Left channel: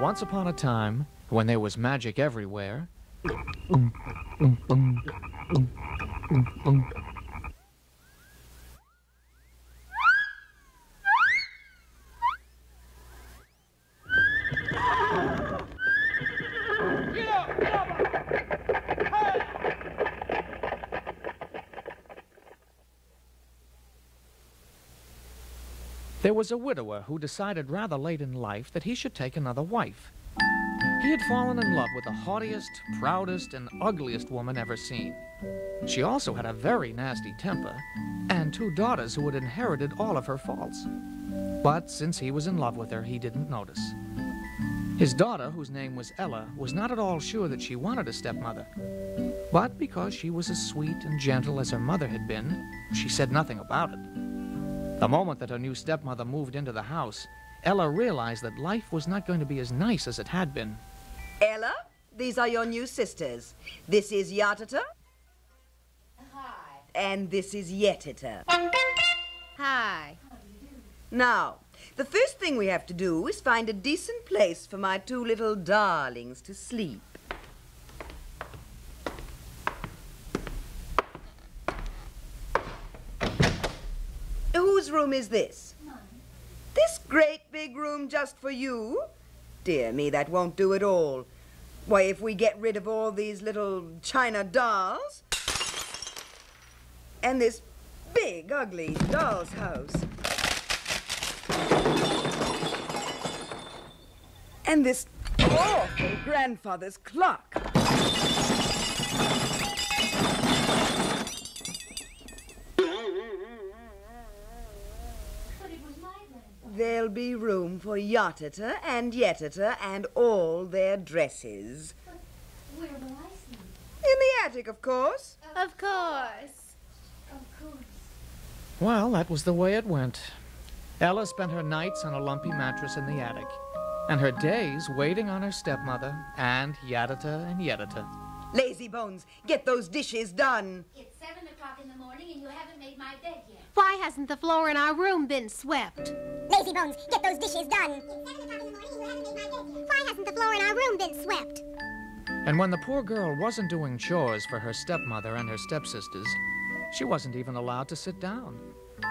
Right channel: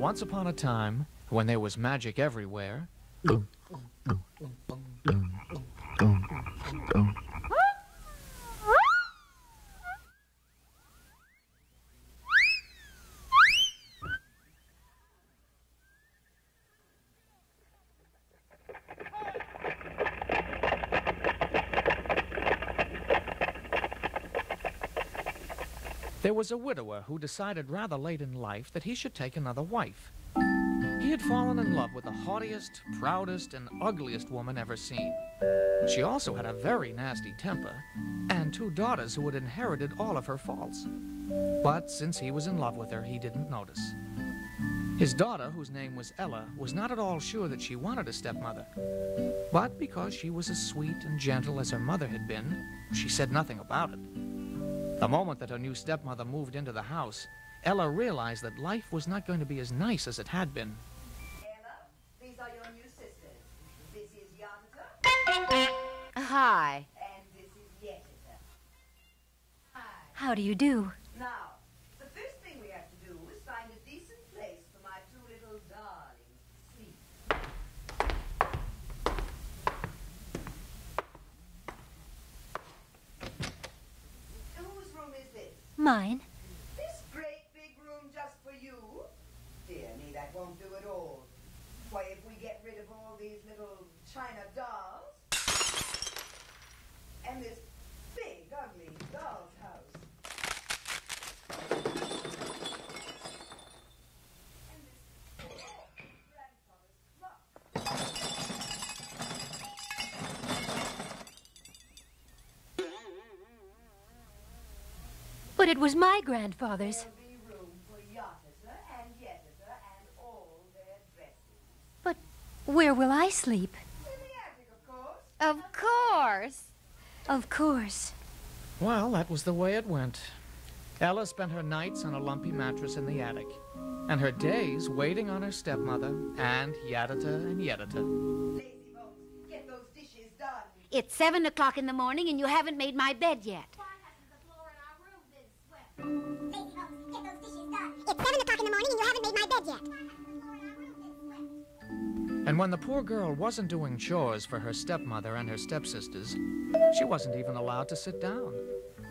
Once upon a time, when there was magic everywhere, there was a widower who decided rather late in life that he should take another wife. He had fallen in love with the haughtiest, proudest, and ugliest woman ever seen. She also had a very nasty temper, and 2 daughters who had inherited all of her faults. But since he was in love with her, he didn't notice. His daughter, whose name was Ella, was not at all sure that she wanted a stepmother. But because she was as sweet and gentle as her mother had been, she said nothing about it. The moment that her new stepmother moved into the house, Ella realized that life was not going to be as nice as it had been. Ella, these are your new sisters. This is Yatata. Hi. And this is Yetita. Hi. How do you do? Now, the first thing we have to do is find a decent place for my 2 little darlings to sleep. Whose room is this? Mine. This great big room just for you? Dear me, that won't do at all. Why, if we get rid of all these little china dolls and this big, ugly doll's house and this awful grandfather's clock. But it was my grandfather's. There'll be room for Yatata and Yetata and all their dresses. But where will I sleep? In the attic, of course. Of course. Of course. Well, that was the way it went. Ella spent her nights on a lumpy mattress in the attic, and her days waiting on her stepmother and Yatata and Yetata. Lazy bones, get those dishes done. It's 7 o'clock in the morning and you haven't made my bed yet. Why hasn't the floor in our room been swept? Lazy bones, get those dishes done. It's 7 o'clock in the morning and you haven't made my bed yet. Why hasn't the floor in our room been swept? And when the poor girl wasn't doing chores for her stepmother and her stepsisters, she wasn't even allowed to sit down,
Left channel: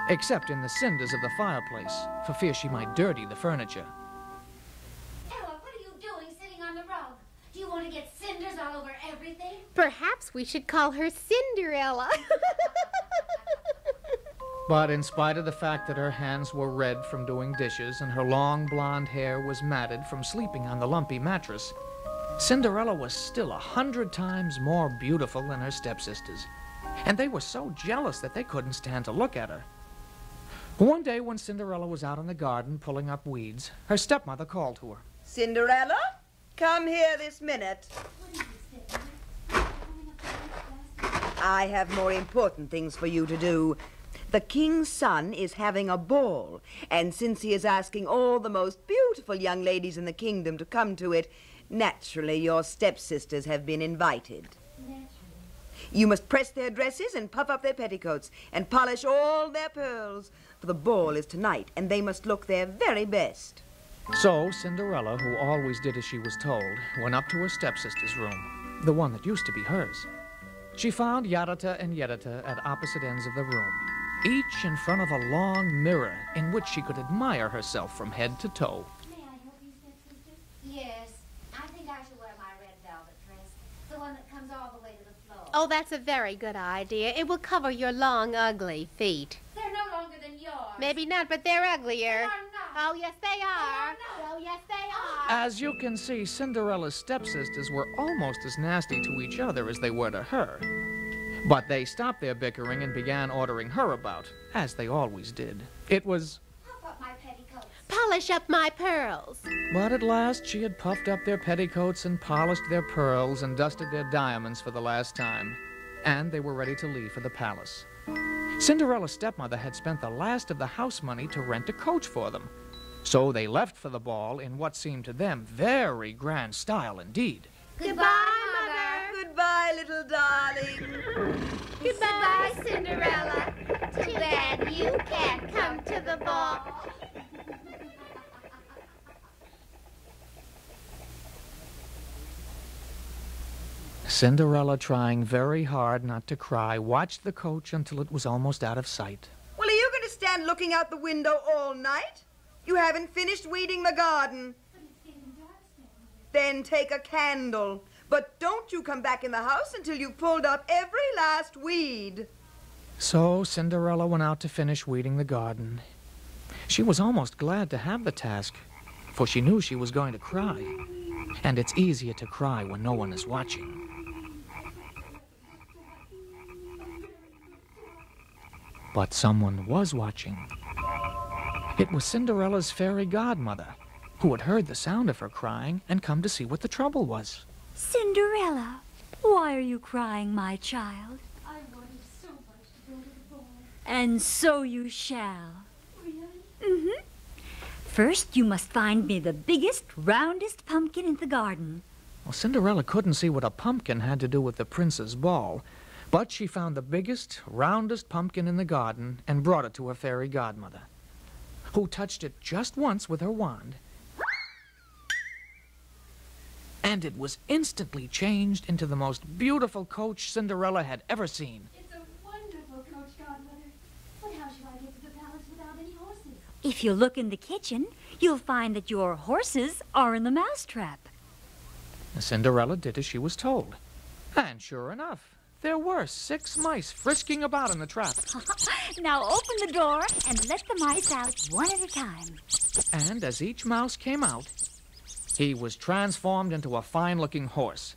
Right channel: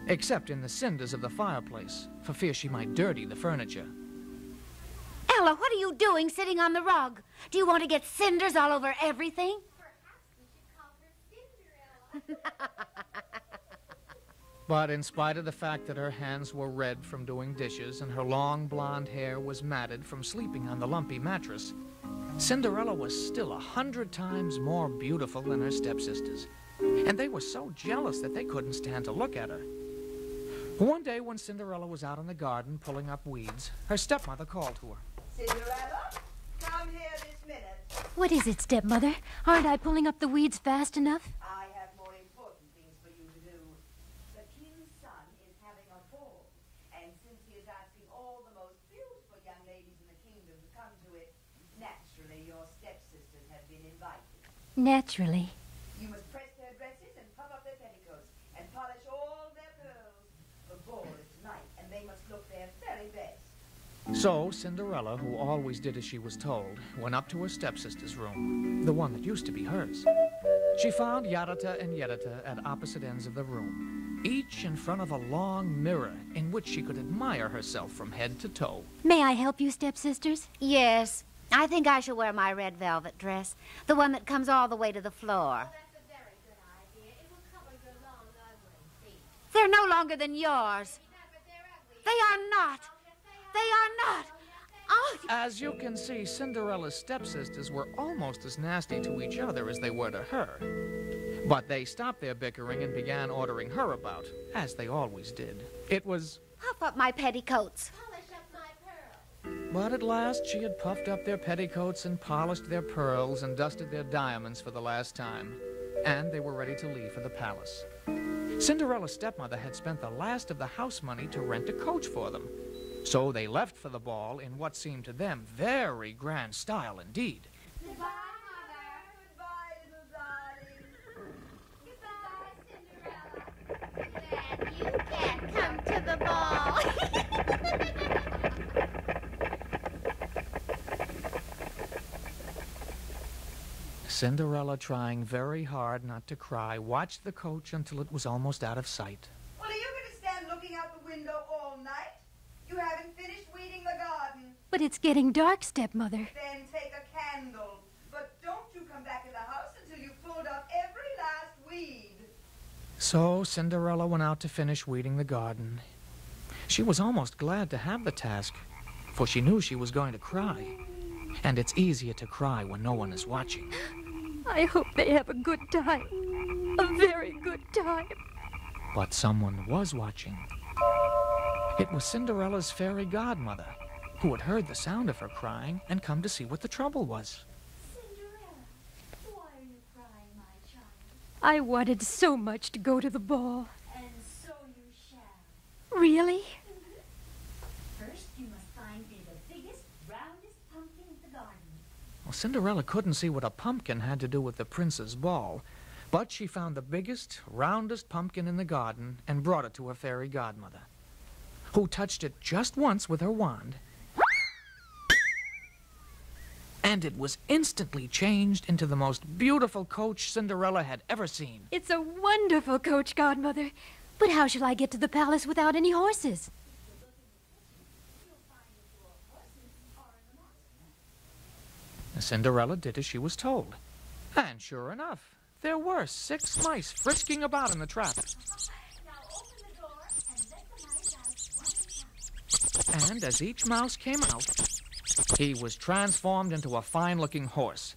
except in the cinders of the fireplace, for fear she might dirty the furniture. Ella, what are you doing sitting on the rug? Do you want to get cinders all over everything? Perhaps we should call her Cinderella. But in spite of the fact that her hands were red from doing dishes and her long blonde hair was matted from sleeping on the lumpy mattress, Cinderella was still 100 times more beautiful than her stepsisters, and they were so jealous that they couldn't stand to look at her. One day when Cinderella was out in the garden pulling up weeds, her stepmother called to her. Cinderella, come here this minute. What is it, stepmother? Aren't I pulling up the weeds fast enough? I have more important things for you to do. The king's son is having a ball, and since he is asking all the most beautiful young ladies in the kingdom to come to it, naturally your stepsisters have been invited. Naturally. You must press their dresses and puff up their petticoats and polish all their pearls, for the ball is tonight, and they must look their very best. So Cinderella, who always did as she was told, went up to her stepsister's room, the one that used to be hers. She found Yatata and Yetata at opposite ends of the room, each in front of a long mirror in which she could admire herself from head to toe. May I help you, stepsisters? Yes. I think I shall wear my red velvet dress, the one that comes all the way to the floor. Oh, that's a very good idea. It will cover your long, ugly feet. They're no longer than yours. Maybe not, but they're uglier. They are not. Oh, yes, they are. They are not. Oh, yes, they are. As you can see, Cinderella's stepsisters were almost as nasty to each other as they were to her. But they stopped their bickering and began ordering her about, as they always did. It was... Of puff up my petticoats. Polish up my pearls. But at last she had puffed up their petticoats and polished their pearls and dusted their diamonds for the last time. And they were ready to leave for the palace. Cinderella's stepmother had spent the last of the house money to rent a coach for them. So they left for the ball in what seemed to them very grand style indeed. Goodbye, Mother. Goodbye, little darling. Goodbye, Cinderella. Too bad you can't come to the ball. Cinderella, trying very hard not to cry, watched the coach until it was almost out of sight. Well, are you going to stand looking out the window all night? You haven't finished weeding the garden. But it's getting dark, stepmother. Then take a candle. But don't you come back in the house until you've pulled up every last weed. So Cinderella went out to finish weeding the garden. She was almost glad to have the task, for she knew she was going to cry. And it's easier to cry when no one is watching. I hope they have a good time. A very good time. But someone was watching. It was Cinderella's fairy godmother, who had heard the sound of her crying and come to see what the trouble was. Cinderella, why are you crying, my child? I wanted so much to go to the ball. And so you shall. Really? Mm-hmm. First, you must find me the biggest, roundest pumpkin in the garden. Well, Cinderella couldn't see what a pumpkin had to do with the prince's ball, but she found the biggest, roundest pumpkin in the garden and brought it to her fairy godmother, who touched it just once with her wand, and it was instantly changed into the most beautiful coach Cinderella had ever seen. It's a wonderful coach, godmother. But how shall I get to the palace without any horses? If you look in the kitchen, you'll find that your horses are in the mousetrap. Cinderella did as she was told. And sure enough, there were 6 mice frisking about in the trap. Now open the door and let the mice out one at a time. And as each mouse came out, he was transformed into a fine-looking horse.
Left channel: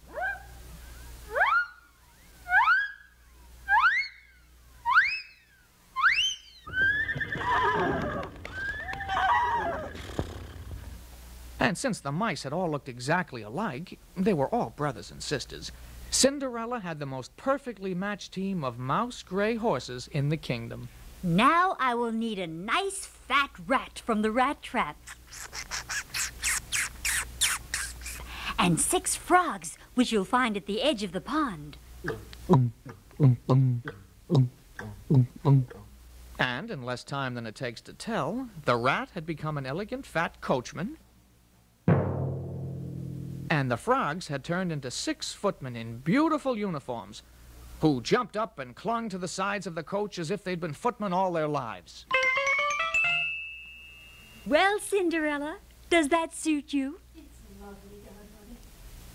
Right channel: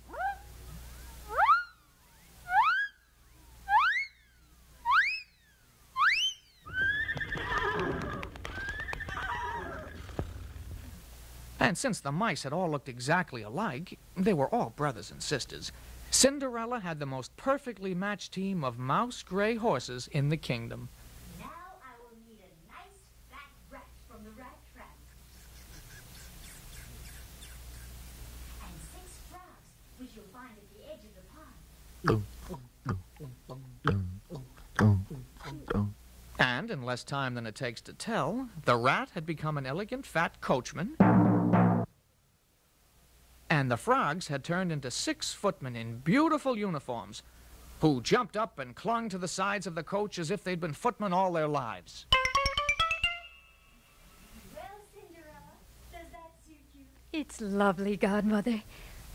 And since the mice had all looked exactly alike, they were all brothers and sisters, Cinderella had the most perfectly matched team of mouse-gray horses in the kingdom. Now I will need a nice fat rat from the rat trap. And 6 frogs, which you'll find at the edge of the pond. And in less time than it takes to tell, the rat had become an elegant fat coachman, and the frogs had turned into 6 footmen in beautiful uniforms, who jumped up and clung to the sides of the coach as if they'd been footmen all their lives. Well, Cinderella, does that suit you? It's lovely, godmother.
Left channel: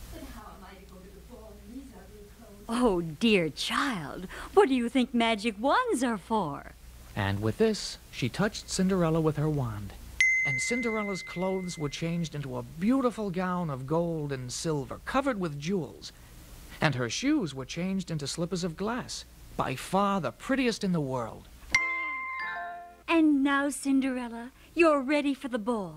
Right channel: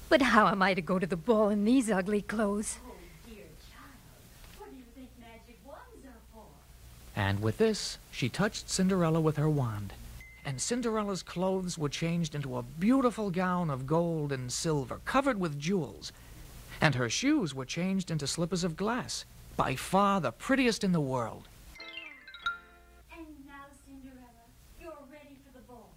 But how am I to go to the ball in these ugly clothes? Oh, dear child, what do you think magic wands are for? And with this, she touched Cinderella with her wand, and Cinderella's clothes were changed into a beautiful gown of gold and silver, covered with jewels, and her shoes were changed into slippers of glass, by far the prettiest in the world. And now, Cinderella, you're ready for the ball.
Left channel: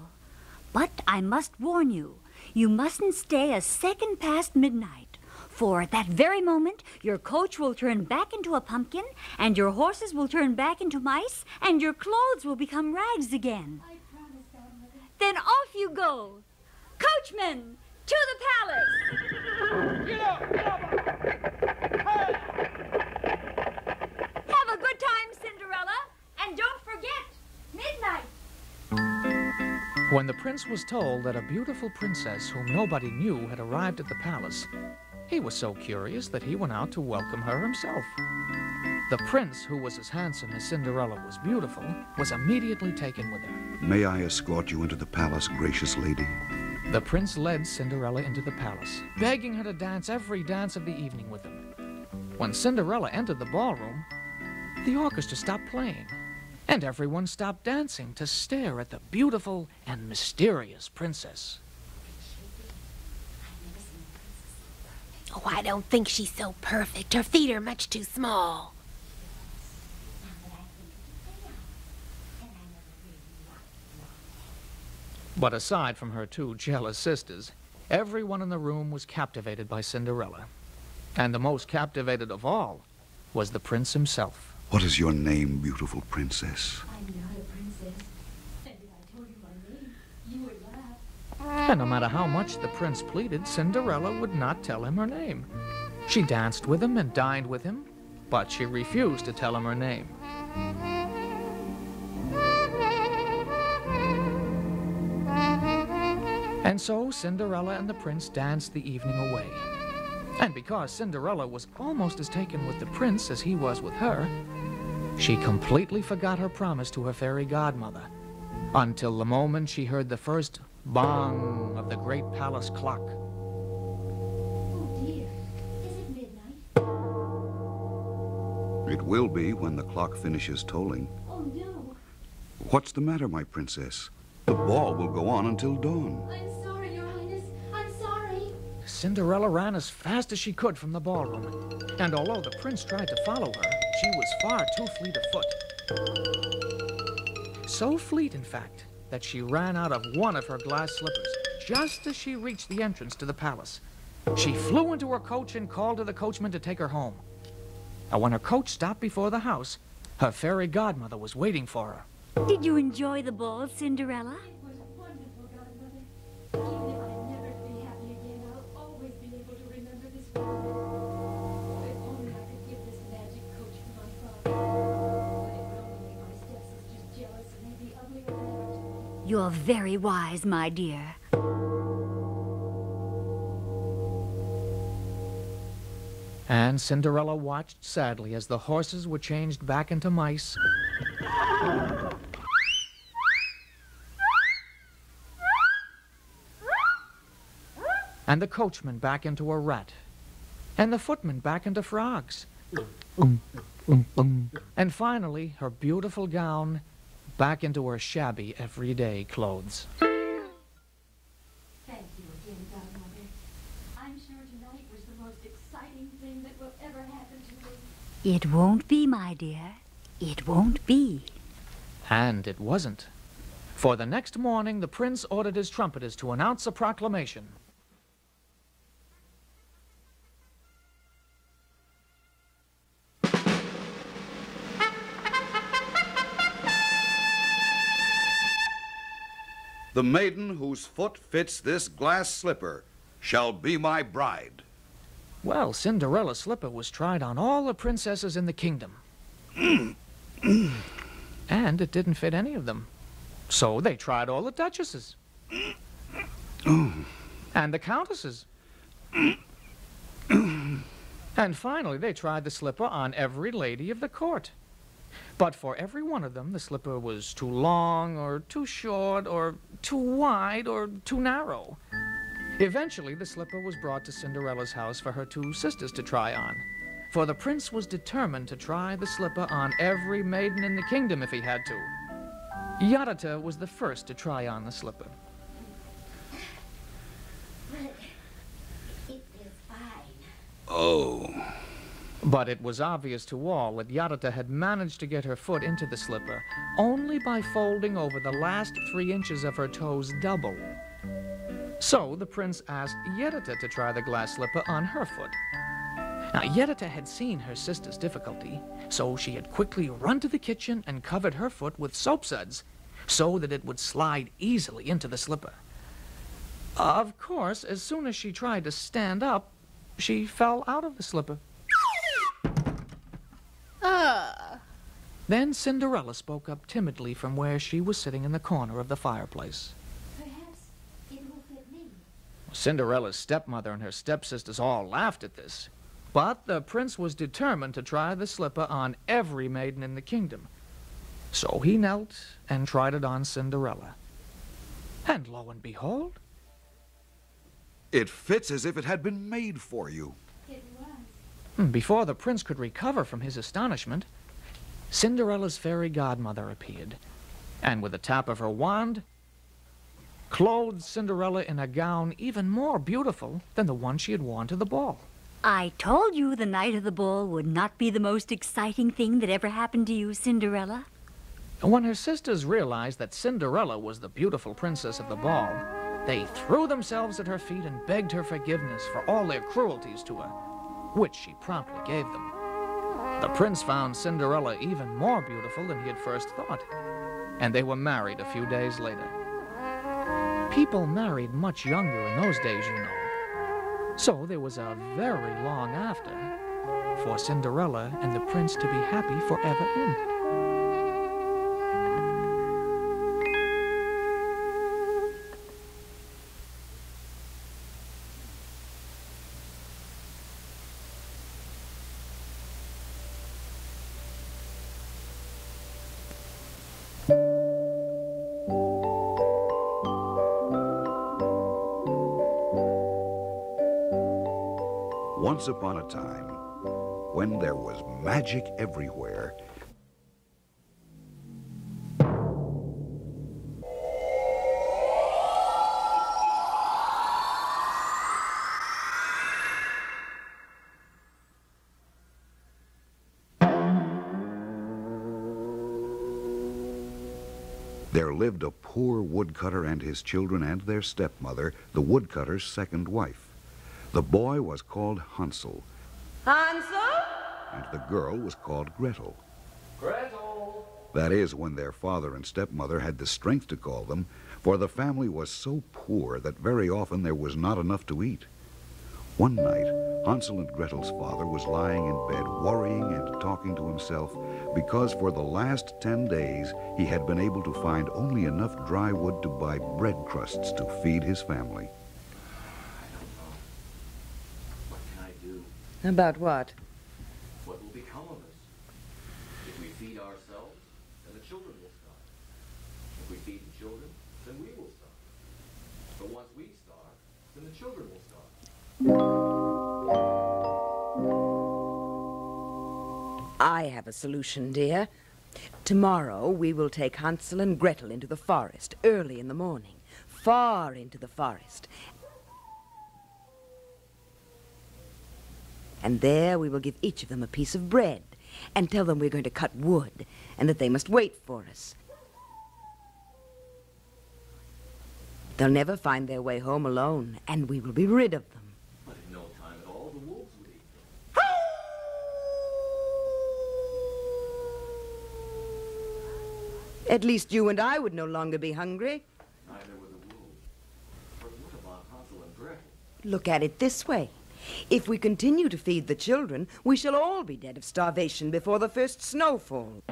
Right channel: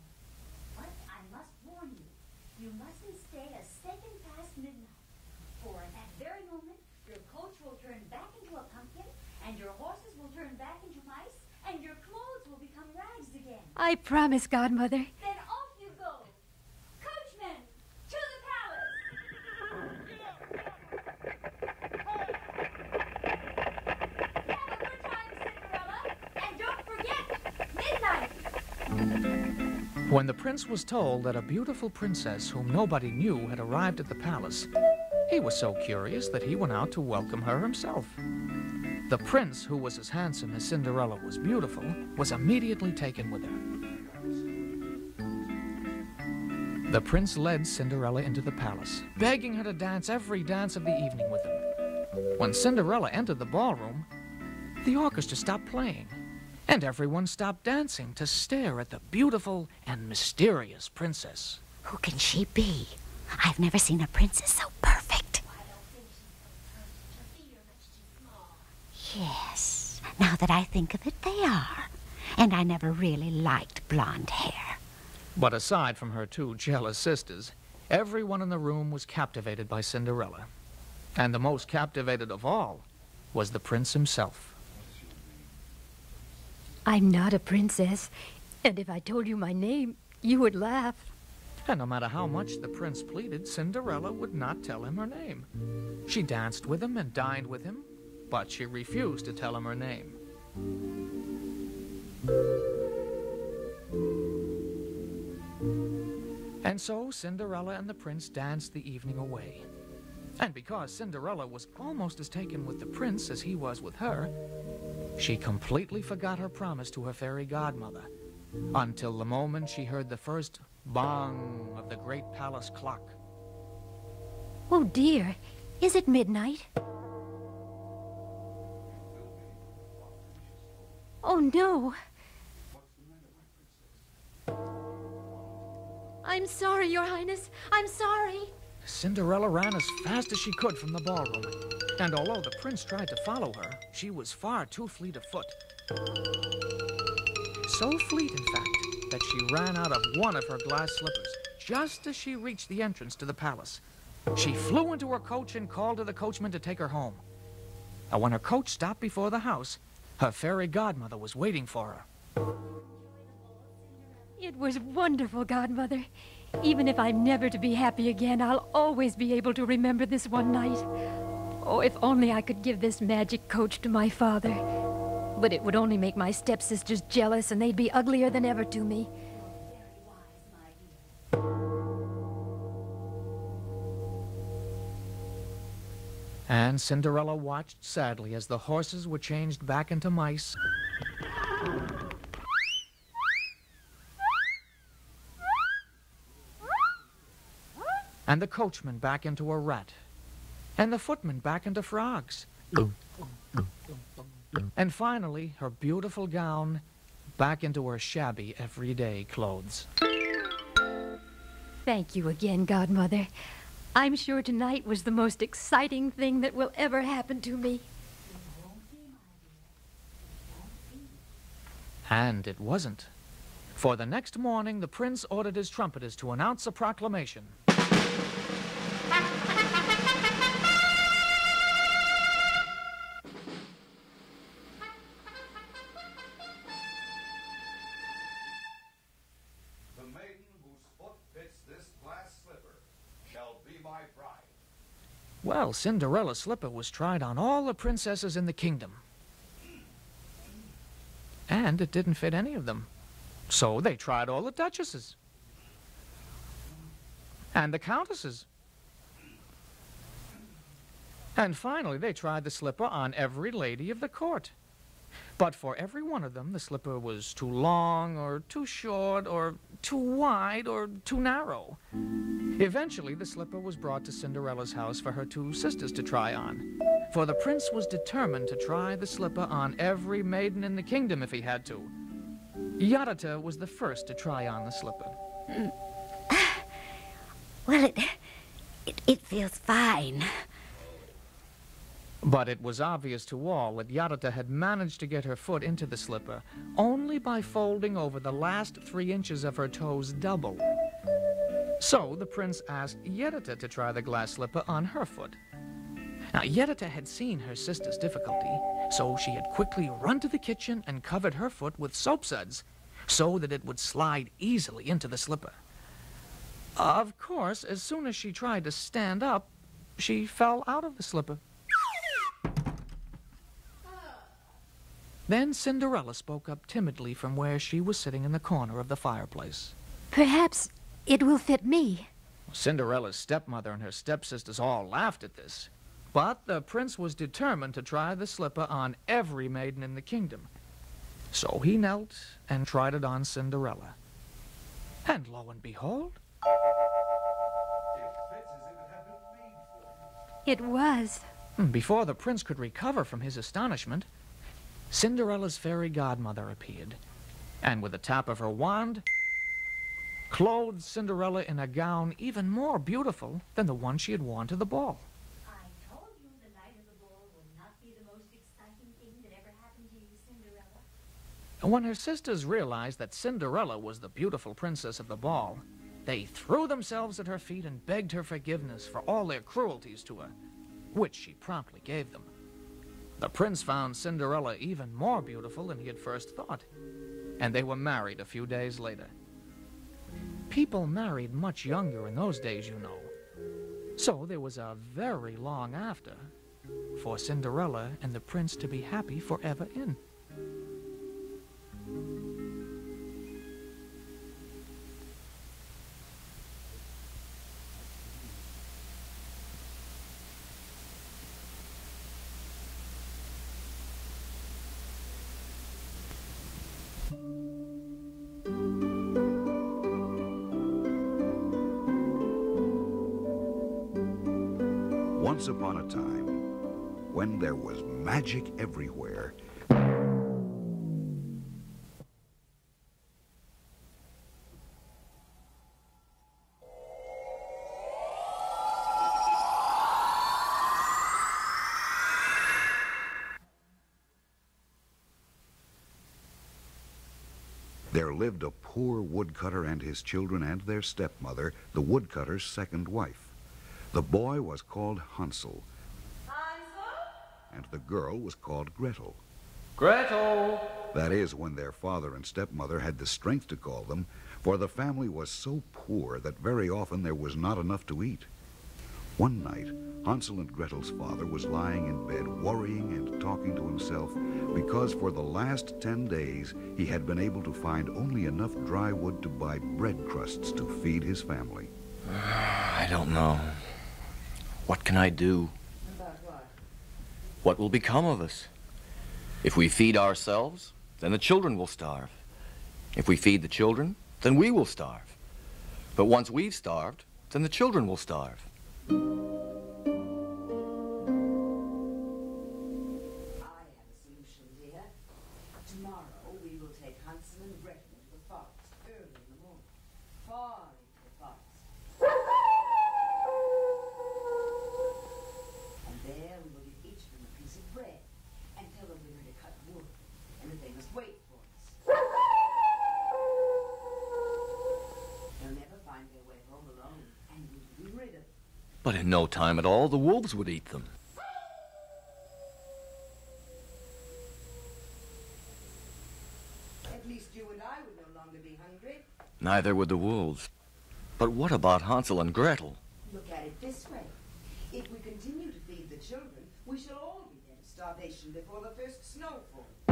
But I must warn you, you mustn't stay a second past midnight, for at that very moment, your coach will turn back into a pumpkin, and your horses will turn back into mice, and your clothes will become rags again. I promise, godmother. Then off you go. Coachman, to the palace! Have a good time, Cinderella, and don't forget, midnight. When the prince was told that a beautiful princess whom nobody knew had arrived at the palace, he was so curious that he went out to welcome her himself. The prince, who was as handsome as Cinderella was beautiful, was immediately taken with her. May I escort you into the palace, gracious lady? The prince led Cinderella into the palace, begging her to dance every dance of the evening with him. When Cinderella entered the ballroom, the orchestra stopped playing, and everyone stopped dancing to stare at the beautiful and mysterious princess. Who can she be? I've never seen a princess so perfect. Oh, I don't think she's so perfect. Her feet are much too small. Yes, now that I think of it, they are. And I never really liked blonde hair. But aside from her two jealous sisters, everyone in the room was captivated by Cinderella. And the most captivated of all was the prince himself. What is your name, beautiful princess? I'm not a princess. And if I told you my name, you would laugh. And no matter how much the prince pleaded, Cinderella would not tell him her name. She danced with him and dined with him, but she refused to tell him her name. And so Cinderella and the prince danced the evening away. And because Cinderella was almost as taken with the prince as he was with her, she completely forgot her promise to her fairy godmother, until the moment she heard the first bong of the great palace clock. Oh, dear. Is it midnight? It will be when the clock finishes tolling. Oh, no. What's the matter, my princess? The ball will go on until dawn. I'm sorry, Your Highness. I'm sorry. Cinderella ran as fast as she could from the ballroom, and although the prince tried to follow her, she was far too fleet of foot. So fleet, in fact, that she ran out of one of her glass slippers just as she reached the entrance to the palace. She flew into her coach and called to the coachman to take her home. And when her coach stopped before the house, her fairy godmother was waiting for her. Did you enjoy the ball, Cinderella? It was wonderful, Godmother. Even if I'm never to be happy again, I'll always be able to remember this one night. Oh, if only I could give this magic coach to my father. But it would only make my stepsisters jealous, and they'd be uglier than ever to me. You're very wise, my dear. And Cinderella watched sadly as the horses were changed back into mice, and the coachman back into a rat, and the footman back into frogs, and finally her beautiful gown back into her shabby everyday clothes. Thank you again, Godmother. I'm sure tonight was the most exciting thing that will ever happen to me. It won't be, my dear. It won't be. And it wasn't. For the next morning, the prince ordered his trumpeters to announce a proclamation. The maiden whose foot fits this glass slipper shall be my bride. Well, Cinderella's slipper was tried on all the princesses in the kingdom. And it didn't fit any of them. So they tried all the duchesses. And the countesses. And finally, they tried the slipper on every lady of the court. But for every one of them, the slipper was too long, or too short, or too wide, or too narrow. Eventually, the slipper was brought to Cinderella's house for her two sisters to try on. For the prince was determined to try the slipper on every maiden in the kingdom if he had to. UHER was the first to try on the slipper. Well, it feels fine. Oh. But it was obvious to all that UHER had managed to get her foot into the slipper only by folding over the last 3 inches of her toes double. So the prince asked UHER to try the glass slipper on her foot. Now, UHER had seen her sister's difficulty, so she had quickly run to the kitchen and covered her foot with soap suds so that it would slide easily into the slipper. Of course, as soon as she tried to stand up, she fell out of the slipper. Then Cinderella spoke up timidly from where she was sitting in the corner of the fireplace. Perhaps it will fit me. Cinderella's stepmother and her stepsisters all laughed at this. But the prince was determined to try the slipper on every maiden in the kingdom. So he knelt and tried it on Cinderella. And lo and behold, It fits as if it had been made for you. It was. before the prince could recover from his astonishment, Cinderella's fairy godmother appeared, and with a tap of her wand, clothed Cinderella in a gown even more beautiful than the one she had worn to the ball. I told you the night of the ball would not be the most exciting thing that ever happened to you, Cinderella. When her sisters realized that Cinderella was the beautiful princess of the ball, they threw themselves at her feet and begged her forgiveness for all their cruelties to her, which she promptly gave them. The prince found Cinderella even more beautiful than he had first thought, and they were married a few days later. People married much younger in those days, you know. So there was a very long after for Cinderella and the prince to be happy forever in. Once upon a time, when there was magic everywhere, there lived a poor woodcutter and his children and their stepmother, the woodcutter's second wife. The boy was called Hansel. Hansel? And the girl was called Gretel. Gretel! That is, when their father and stepmother had the strength to call them, for the family was so poor that very often there was not enough to eat. One night, Hansel and Gretel's father was lying in bed, worrying and talking to himself, because for the last 10 days he had been able to find only enough dry wood to buy bread crusts to feed his family. I don't know. What can I do? About what? What will become of us? If we feed ourselves, then the children will starve. If we feed the children, then we will starve. But once we've starved, then the children will starve. I have a solution, dear. Tomorrow we will take Hansel and Gretel into the forest early in the morning, far into the forest. And there we will give each of them a piece of bread and tell them we're going to cut wood and that they must wait for us. They'll never find their way home alone, and we will be rid of them. But in no time at all, the wolves would eat them. At least you and I would no longer be hungry. Neither would the wolves. But what about Hansel and Gretel? Look at it this way. If we continue to feed the children, we shall all be dead of starvation before the first snowfall.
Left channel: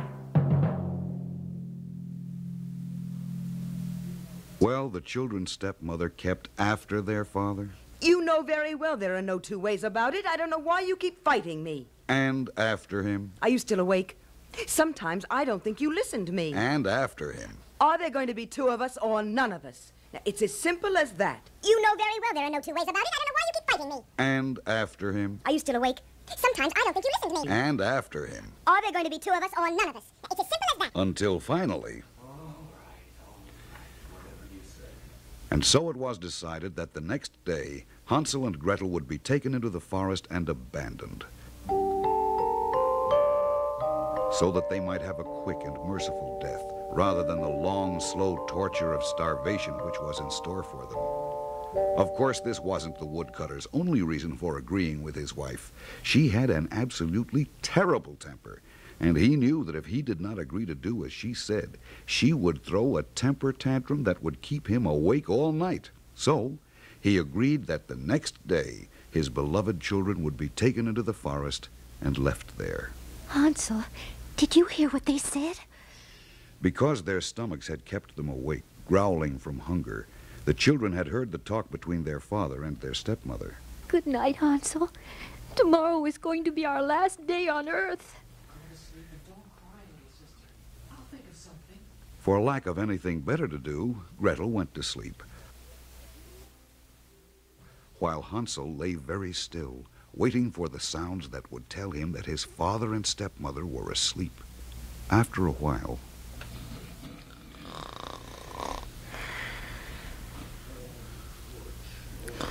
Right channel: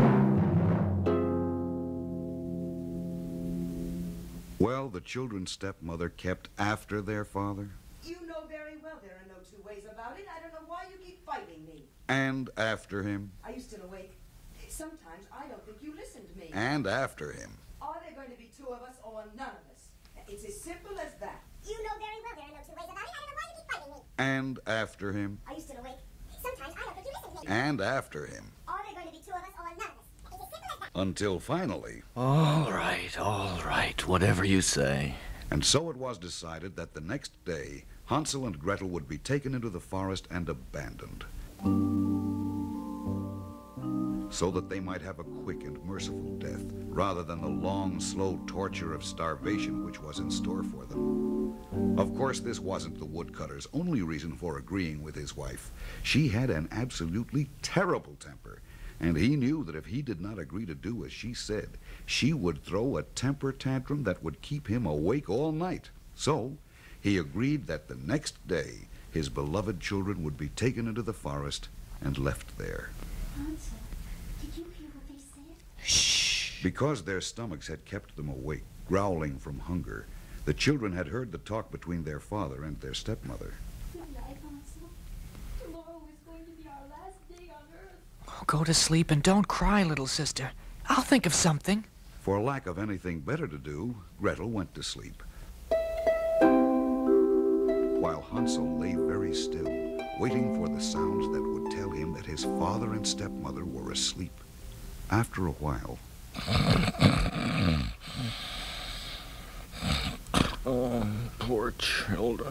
Well, the children's stepmother kept after their father. You know very well there are no two ways about it. I don't know why you keep fighting me. And after him. Are you still awake? Sometimes I don't think you listen to me. And after him. Are there going to be two of us or none of us? Now, it's as simple as that. You know very well there are no two ways about it. I don't know why you keep fighting me. And after him. Are you still awake? Sometimes I don't think you listen to me. And after him. Are there going to be two of us or none of us? It's as simple as that. Until finally. All right, whatever you say. And so it was decided that the next day, Hansel and Gretel would be taken into the forest and abandoned, so that they might have a quick and merciful death, rather than the long, slow torture of starvation which was in store for them. Of course, this wasn't the woodcutter's only reason for agreeing with his wife. She had an absolutely terrible temper, and he knew that if he did not agree to do as she said, she would throw a temper tantrum that would keep him awake all night. So he agreed that the next day his beloved children would be taken into the forest and left there. Hansel, did you hear what they said? Shh! Because their stomachs had kept them awake, growling from hunger, the children had heard the talk between their father and their stepmother. Good night, Hansel. Tomorrow is going to be our last day on Earth. Oh, go to sleep and don't cry, little sister. I'll think of something. For lack of anything better to do, Gretel went to sleep, while Hansel lay very still, waiting for the sounds that would tell him that his father and stepmother were asleep. After a while... Oh, poor children.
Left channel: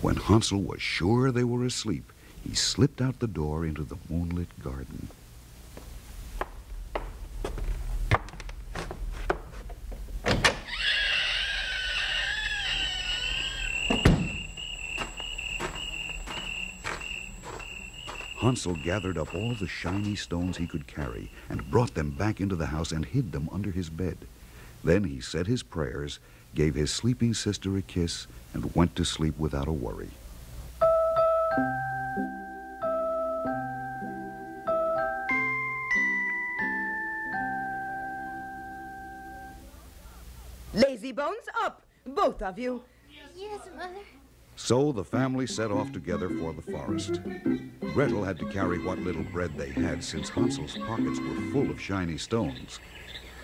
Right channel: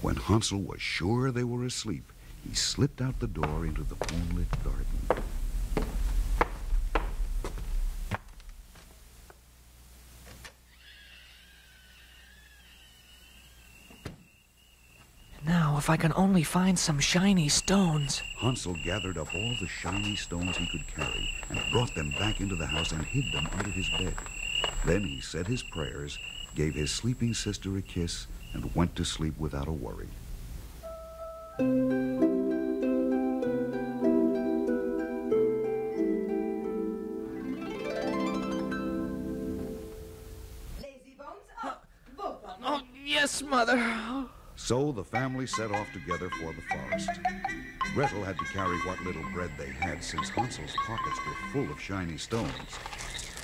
When Hansel was sure they were asleep, he slipped out the door into the moonlit garden. if I can only find some shiny stones. Hansel gathered up all the shiny stones he could carry and brought them back into the house and hid them under his bed. Then he said his prayers, gave his sleeping sister a kiss, and went to sleep without a worry. Lazy bones, up! Both of you. Oh, yes, Mother. So the family set off together for the forest. Gretel had to carry what little bread they had, since Hansel's pockets were full of shiny stones.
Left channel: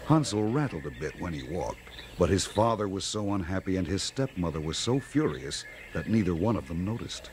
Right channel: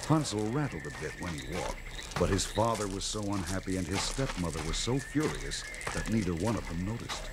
Hansel rattled a bit when he walked, but his father was so unhappy and his stepmother was so furious that neither one of them noticed.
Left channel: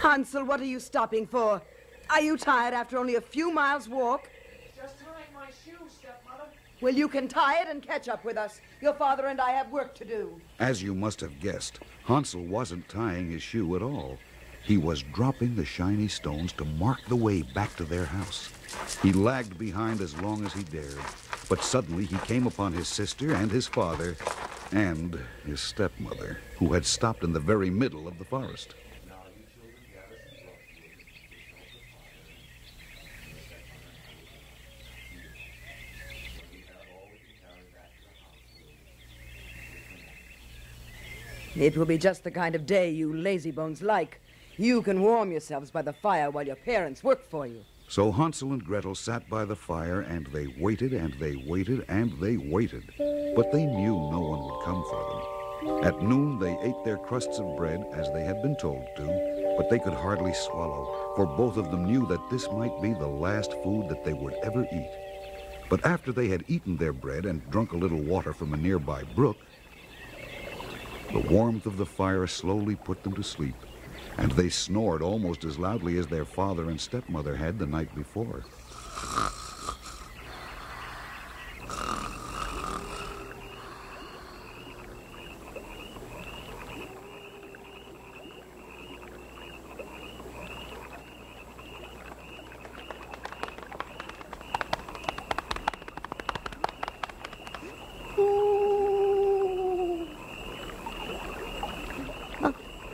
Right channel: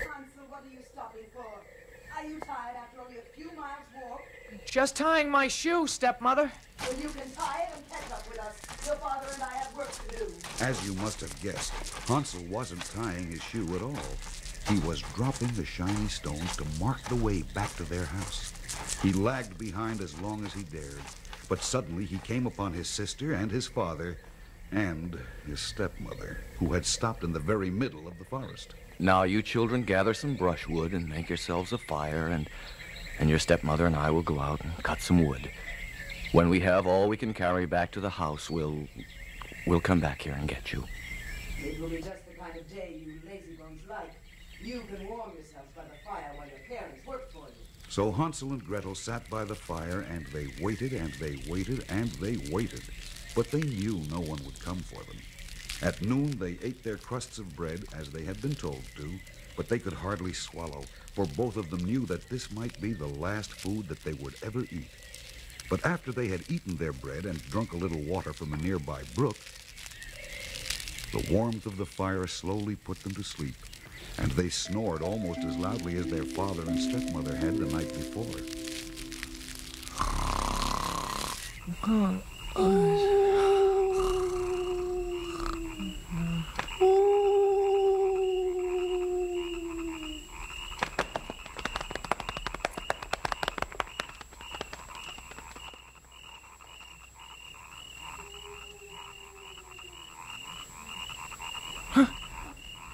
Hansel, what are you stopping for? Are you tired after only a few miles' walk? Just tying my shoe, stepmother. Well, you can tie it and catch up with us. Your father and I have work to do. As you must have guessed, Hansel wasn't tying his shoe at all. He was dropping the shiny stones to mark the way back to their house. He lagged behind as long as he dared, but suddenly he came upon his sister and his father and his stepmother, who had stopped in the very middle of the forest. Now you children gather some brushwood and make yourselves a fire, and your stepmother and I will go out and cut some wood. When we have all we can carry back to the house, we'll come back here and get you. It will be just the kind of day you lazy bones like. You can warm yourselves by the fire while your parents work for you. So Hansel and Gretel sat by the fire, and they waited, and they waited, and they waited. But they knew no one would come for them. At noon, they ate their crusts of bread, as they had been told to, but they could hardly swallow, for both of them knew that this might be the last food that they would ever eat. But after they had eaten their bread and drunk a little water from a nearby brook, the warmth of the fire slowly put them to sleep, and they snored almost as loudly as their father and stepmother had the night before.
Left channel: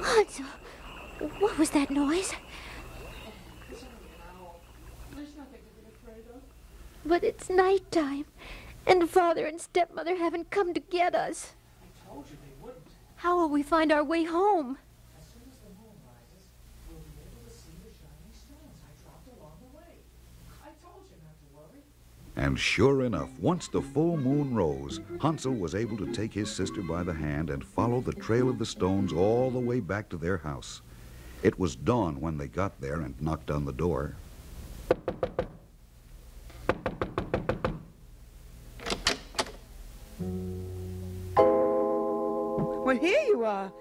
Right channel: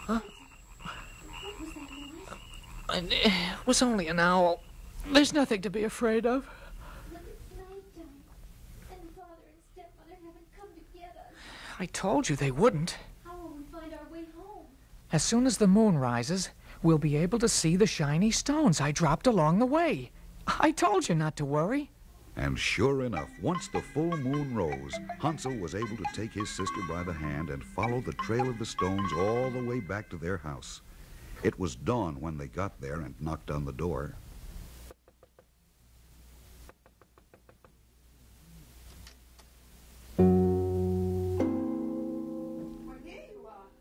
Hansel, what was that noise? It was only an owl. There's nothing to be afraid of. But it's nighttime, and Father and Stepmother haven't come to get us. I told you they wouldn't. How will we find our way home? As soon as the moon rises, we'll be able to see the shiny stones I dropped along the way. I told you not to worry. And sure enough, once the full moon rose, Hansel was able to take his sister by the hand and follow the trail of the stones all the way back to their house. It was dawn when they got there and knocked on the door. Well, here you are.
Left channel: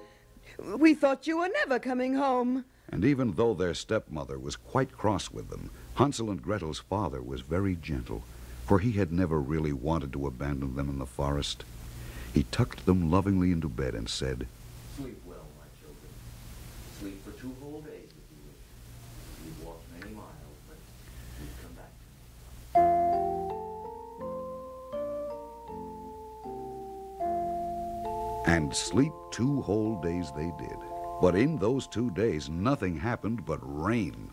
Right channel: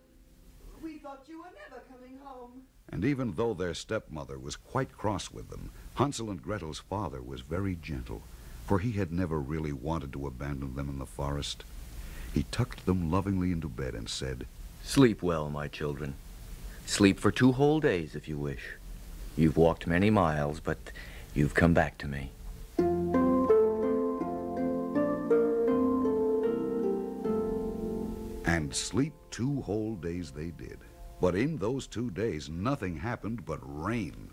We thought you were never coming home. And even though their stepmother was quite cross with them, Hansel and Gretel's father was very gentle, for he had never really wanted to abandon them in the forest. He tucked them lovingly into bed and said, Sleep well, my children. Sleep for 2 whole days if you wish. You've walked many miles, but you've come back to me. And sleep 2 whole days they did. But in those 2 days, nothing happened but rain.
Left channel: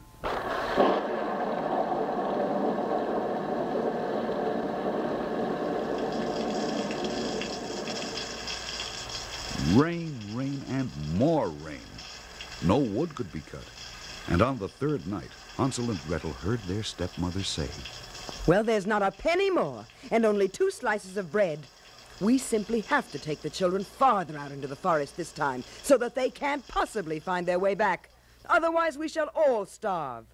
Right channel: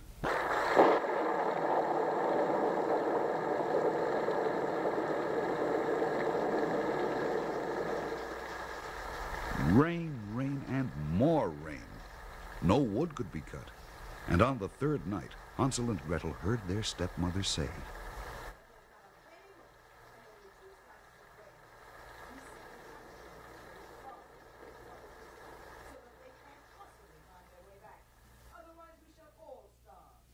Rain, rain, and more rain. No wood could be cut. And on the 3rd night, Hansel and Gretel heard their stepmother say, Well, there's not a penny more, and only 2 slices of bread. We simply have to take the children farther out into the forest this time, so that they can't possibly find their way back. Otherwise, we shall all starve.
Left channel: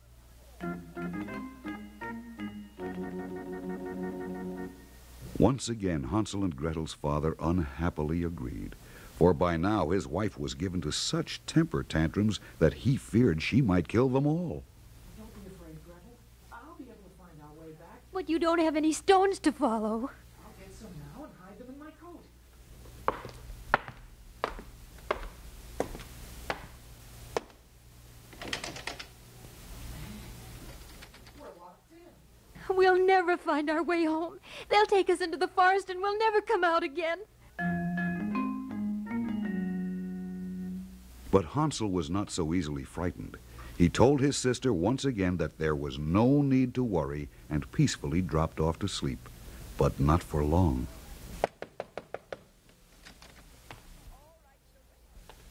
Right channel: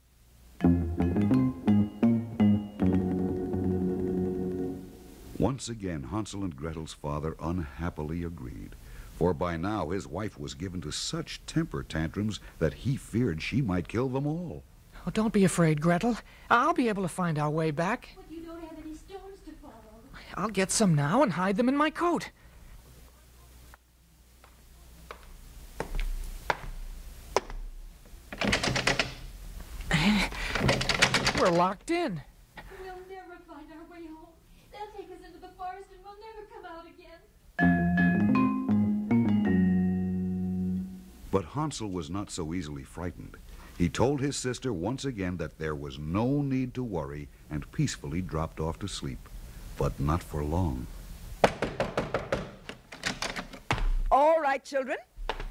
Once again, Hansel and Gretel's father unhappily agreed, for by now his wife was given to such temper tantrums that he feared she might kill them all. Oh, don't be afraid, Gretel. I'll be able to find our way back. But you don't have any stones to follow. I'll get some now and hide them in my coat. locked in. We'll never find our way home. They'll take us into the forest and we'll never come out again. But Hansel was not so easily frightened. He told his sister once again that there was no need to worry and peacefully dropped off to sleep. But not for long. All right, children.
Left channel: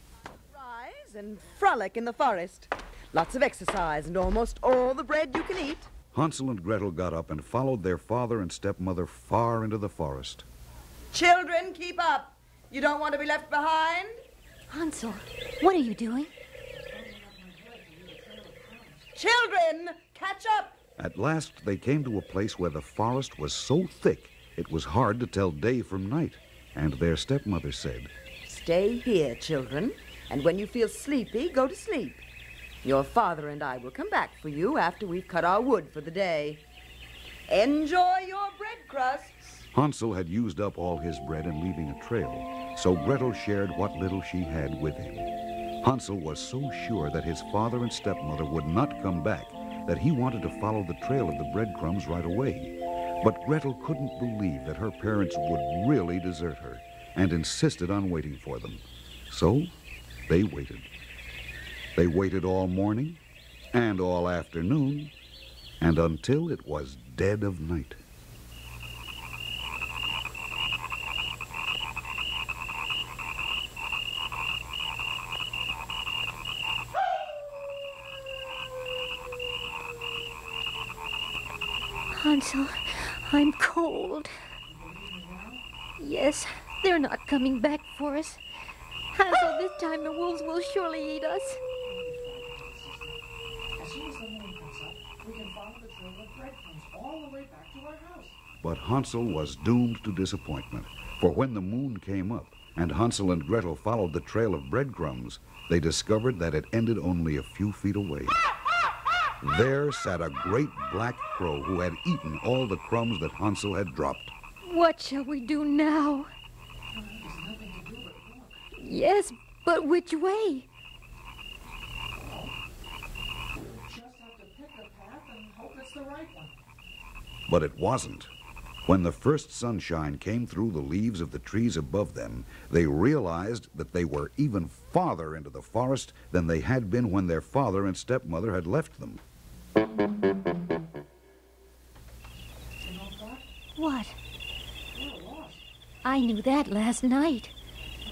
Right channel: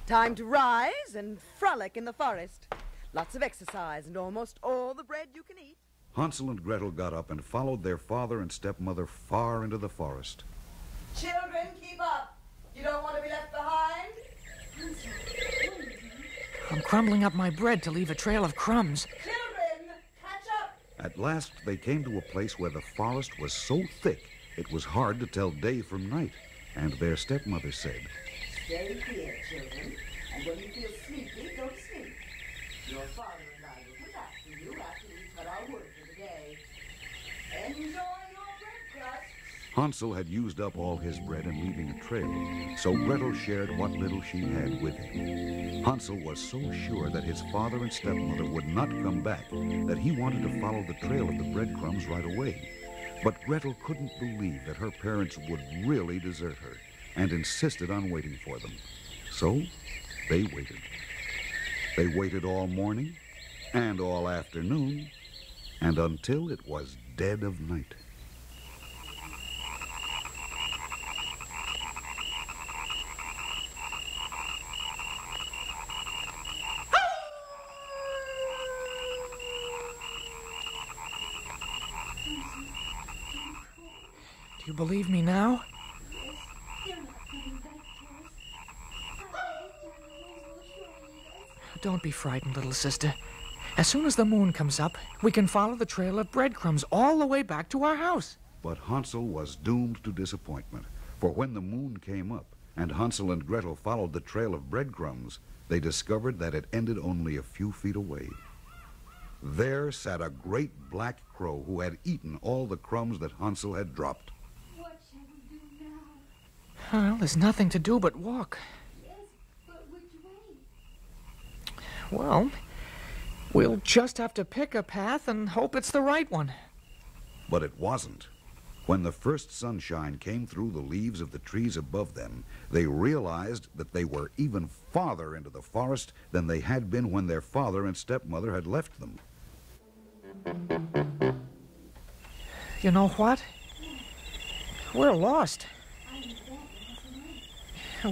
Time to rise and frolic in the forest. Lots of exercise and almost all the bread you can eat. Hansel and Gretel got up and followed their father and stepmother far into the forest. Children, keep up. You don't want to be left behind. Hansel, what are you doing? I'm crumbling up my bread to leave a trail of crumbs. Children, catch up. At last, they came to a place where the forest was so thick it was hard to tell day from night. And their stepmother said, Stay here, children, and when you feel sleepy, go to sleep. Your father and I will come back for you after we've cut our wood for the day. Enjoy your bread crusts. Hansel had used up all his bread in leaving a trail, so Gretel shared what little she had with him. Hansel was so sure that his father and stepmother would not come back that he wanted to follow the trail of the breadcrumbs right away. But Gretel couldn't believe that her parents would really desert her and insisted on waiting for them. So they waited. They waited all morning and all afternoon and until it was dead of night. Hansel, I'm cold. Do you believe me now? Yes, they're not coming back for us. Hansel, this time the wolves will surely eat us. Don't be frightened, little sister. As soon as the moon comes up, we can follow the trail of breadcrumbs all the way back to our house. But Hansel was doomed to disappointment, for when the moon came up and Hansel and Gretel followed the trail of breadcrumbs, they discovered that it ended only a few feet away. There sat a great black crow who had eaten all the crumbs that Hansel had dropped. What shall we do now? Well, there's nothing to do but walk. Yes, but which way? Well, we'll just have to pick a path and hope it's the right one. But it wasn't. When the first sunshine came through the leaves of the trees above them, they realized that they were even farther into the forest than they had been when their father and stepmother had left them. You know what? What? We're lost. I knew that last night.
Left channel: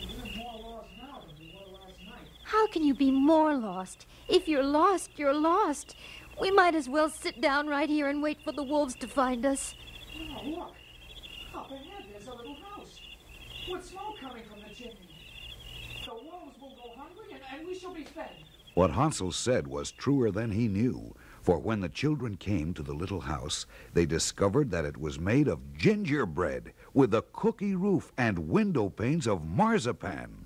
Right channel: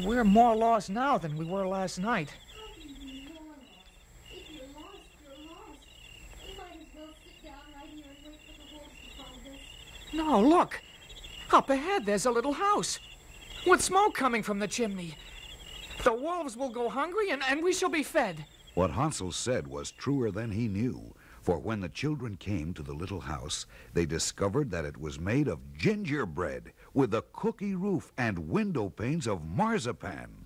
We're more lost now than we were last night. How can you be more lost? If you're lost, you're lost. We might as well sit down right here and wait for the wolves to find us. No, look. Up ahead, there's a little house with smoke coming from the chimney. The wolves will go hungry and we shall be fed. What Hansel said was truer than he knew, for when the children came to the little house, they discovered that it was made of gingerbread with a cookie roof and window panes of marzipan.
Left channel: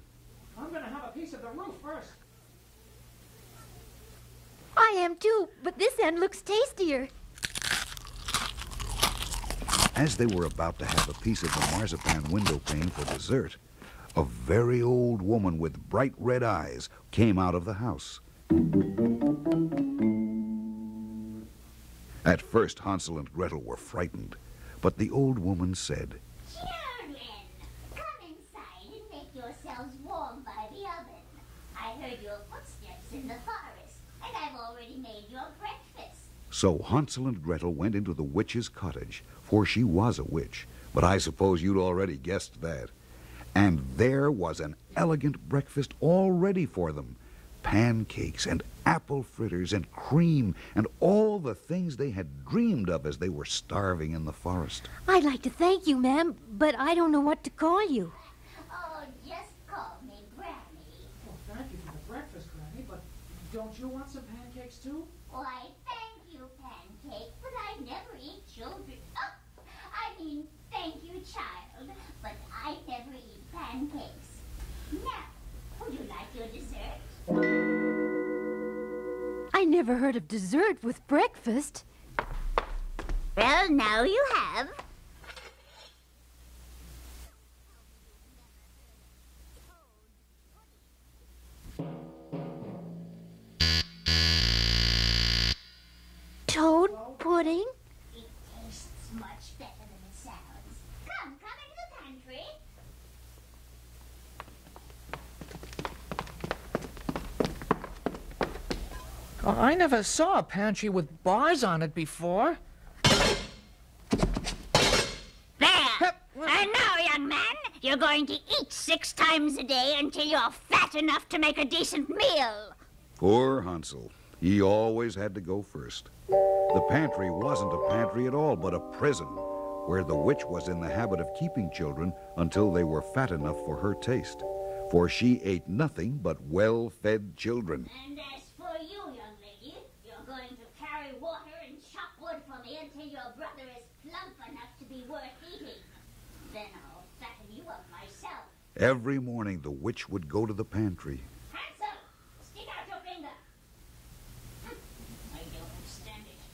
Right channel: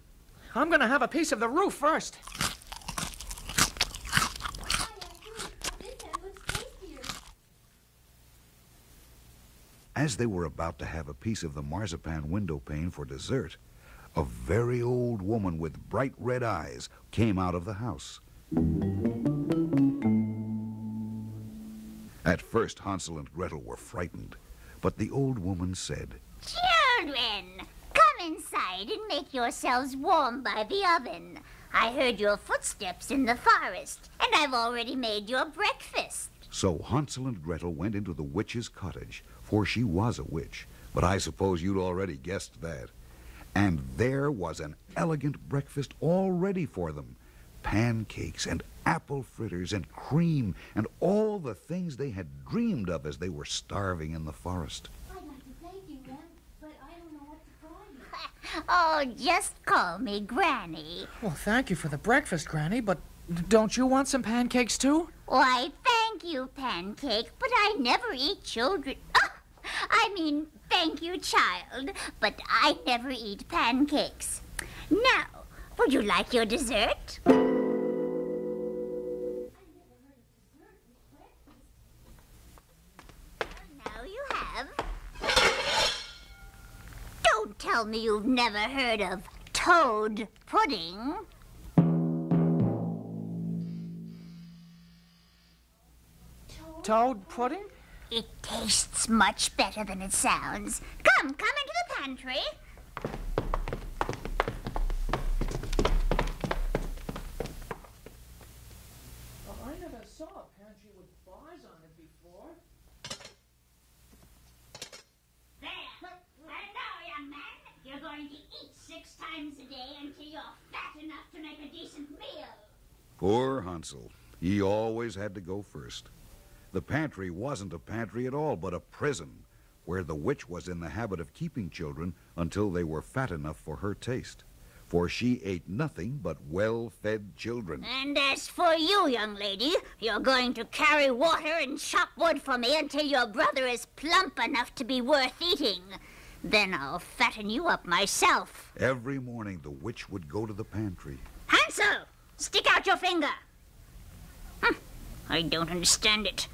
I'm going to have a piece of the roof first. I am too, but this end looks tastier. As they were about to have a piece of the marzipan window pane for dessert, a very old woman with bright red eyes came out of the house. At first, Hansel and Gretel were frightened, but the old woman said, Children, come inside and make yourselves warm by the oven. I heard your footsteps in the forest, and I've already made your breakfast. So Hansel and Gretel went into the witch's cottage, for she was a witch, but I suppose you'd already guessed that. And there was an elegant breakfast all ready for them. Pancakes and apple fritters and cream and all the things they had dreamed of as they were starving in the forest. I'd like to thank you, ma'am, but I don't know what to call you. Oh, just call me Granny. Well, thank you for the breakfast, Granny, but don't you want some pancakes, too? Why, thank you, Pancake, but I never eat children. Thank you, child, but I never eat pancakes. Now, would you like your dessert? I never heard of dessert with breakfast. Well, now you have. Don't tell me you've never heard of toad pudding. Toad pudding? It tastes much better than it sounds. Come into the pantry. Oh, I never saw a pantry with bars on it before. There. And now, young man, you're going to eat 6 times a day until you're fat enough to make a decent meal. Poor Hansel. He always had to go first. The pantry wasn't a pantry at all, but a prison, where the witch was in the habit of keeping children until they were fat enough for her taste. For she ate nothing but well-fed children. And as for you, young lady, you're going to carry water and chop wood for me until your brother is plump enough to be worth eating. Then I'll fatten you up myself. Every morning the witch would go to the pantry. Hansel, stick out your finger. I don't understand it.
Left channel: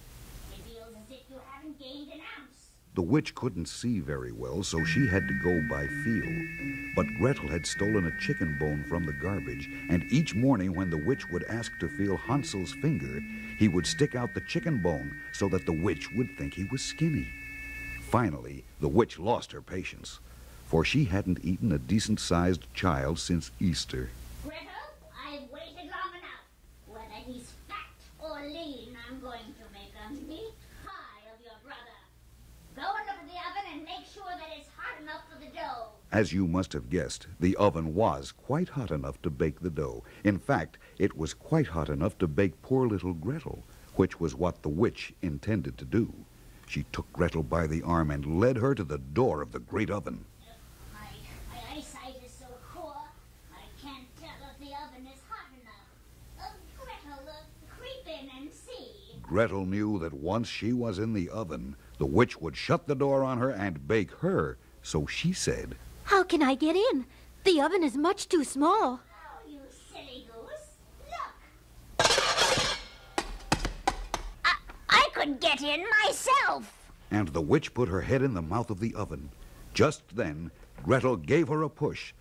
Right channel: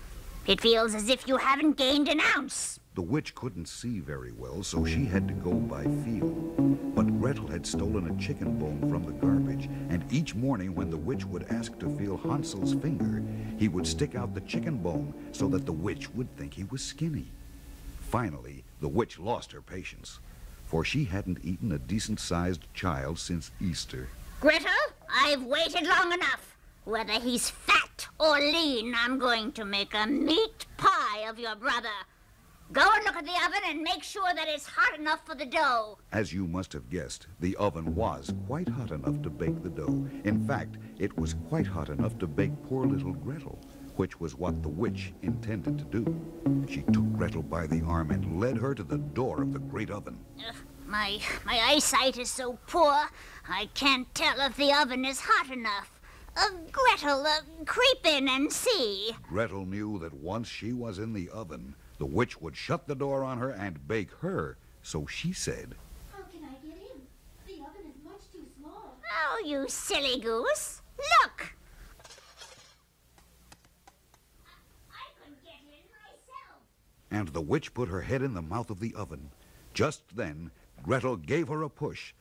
It feels as if you haven't gained an ounce. The witch couldn't see very well, so she had to go by feel. But Gretel had stolen a chicken bone from the garbage, and each morning when the witch would ask to feel Hansel's finger, he would stick out the chicken bone so that the witch would think he was skinny. Finally, the witch lost her patience, for she hadn't eaten a decent-sized child since Easter. Gretel, I've waited long enough. Whether he's fat or lean, I'm going to make a meat pie of your brother. Go and look at the oven and make sure that it's hot enough for the dough. As you must have guessed, the oven was quite hot enough to bake the dough. In fact, it was quite hot enough to bake poor little Gretel, which was what the witch intended to do. She took Gretel by the arm and led her to the door of the great oven. My eyesight is so poor, I can't tell if the oven is hot enough. Gretel, creep in and see. Gretel knew that once she was in the oven, the witch would shut the door on her and bake her, so she said, How can I get in? The oven is much too small. Oh, you silly goose. Look. I could get in myself. And the witch put her head in the mouth of the oven. Just then, Gretel gave her a push,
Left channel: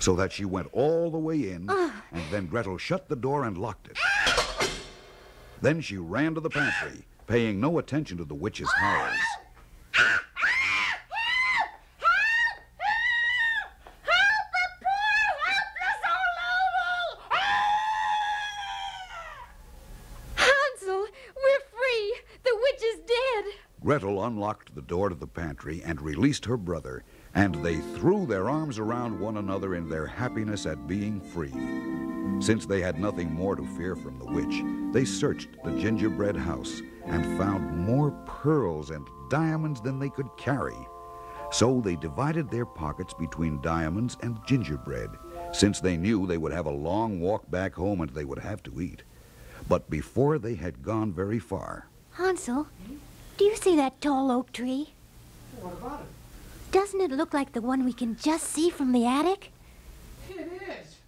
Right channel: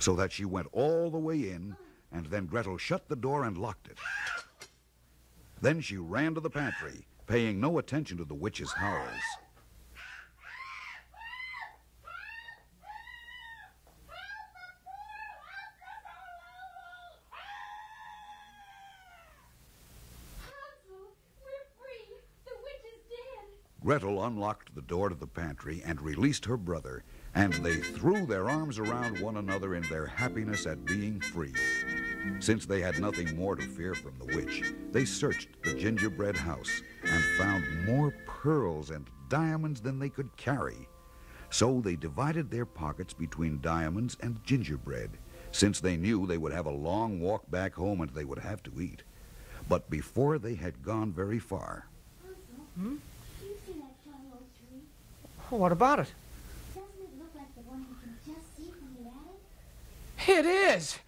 so that she went all the way in, and then Gretel shut the door and locked it. Then she ran to the pantry, paying no attention to the witch's howls. Hansel, we're free. The witch is dead. Gretel unlocked the door to the pantry and released her brother, and they threw their arms around one another in their happiness at being free. Since they had nothing more to fear from the witch, they searched the gingerbread house and found more pearls and diamonds than they could carry. So they divided their pockets between diamonds and gingerbread, since they knew they would have a long walk back home and they would have to eat. But before they had gone very far... Hansel, do you see that tall oak tree? What about it? Doesn't it look like the one we can just see from the attic? It is!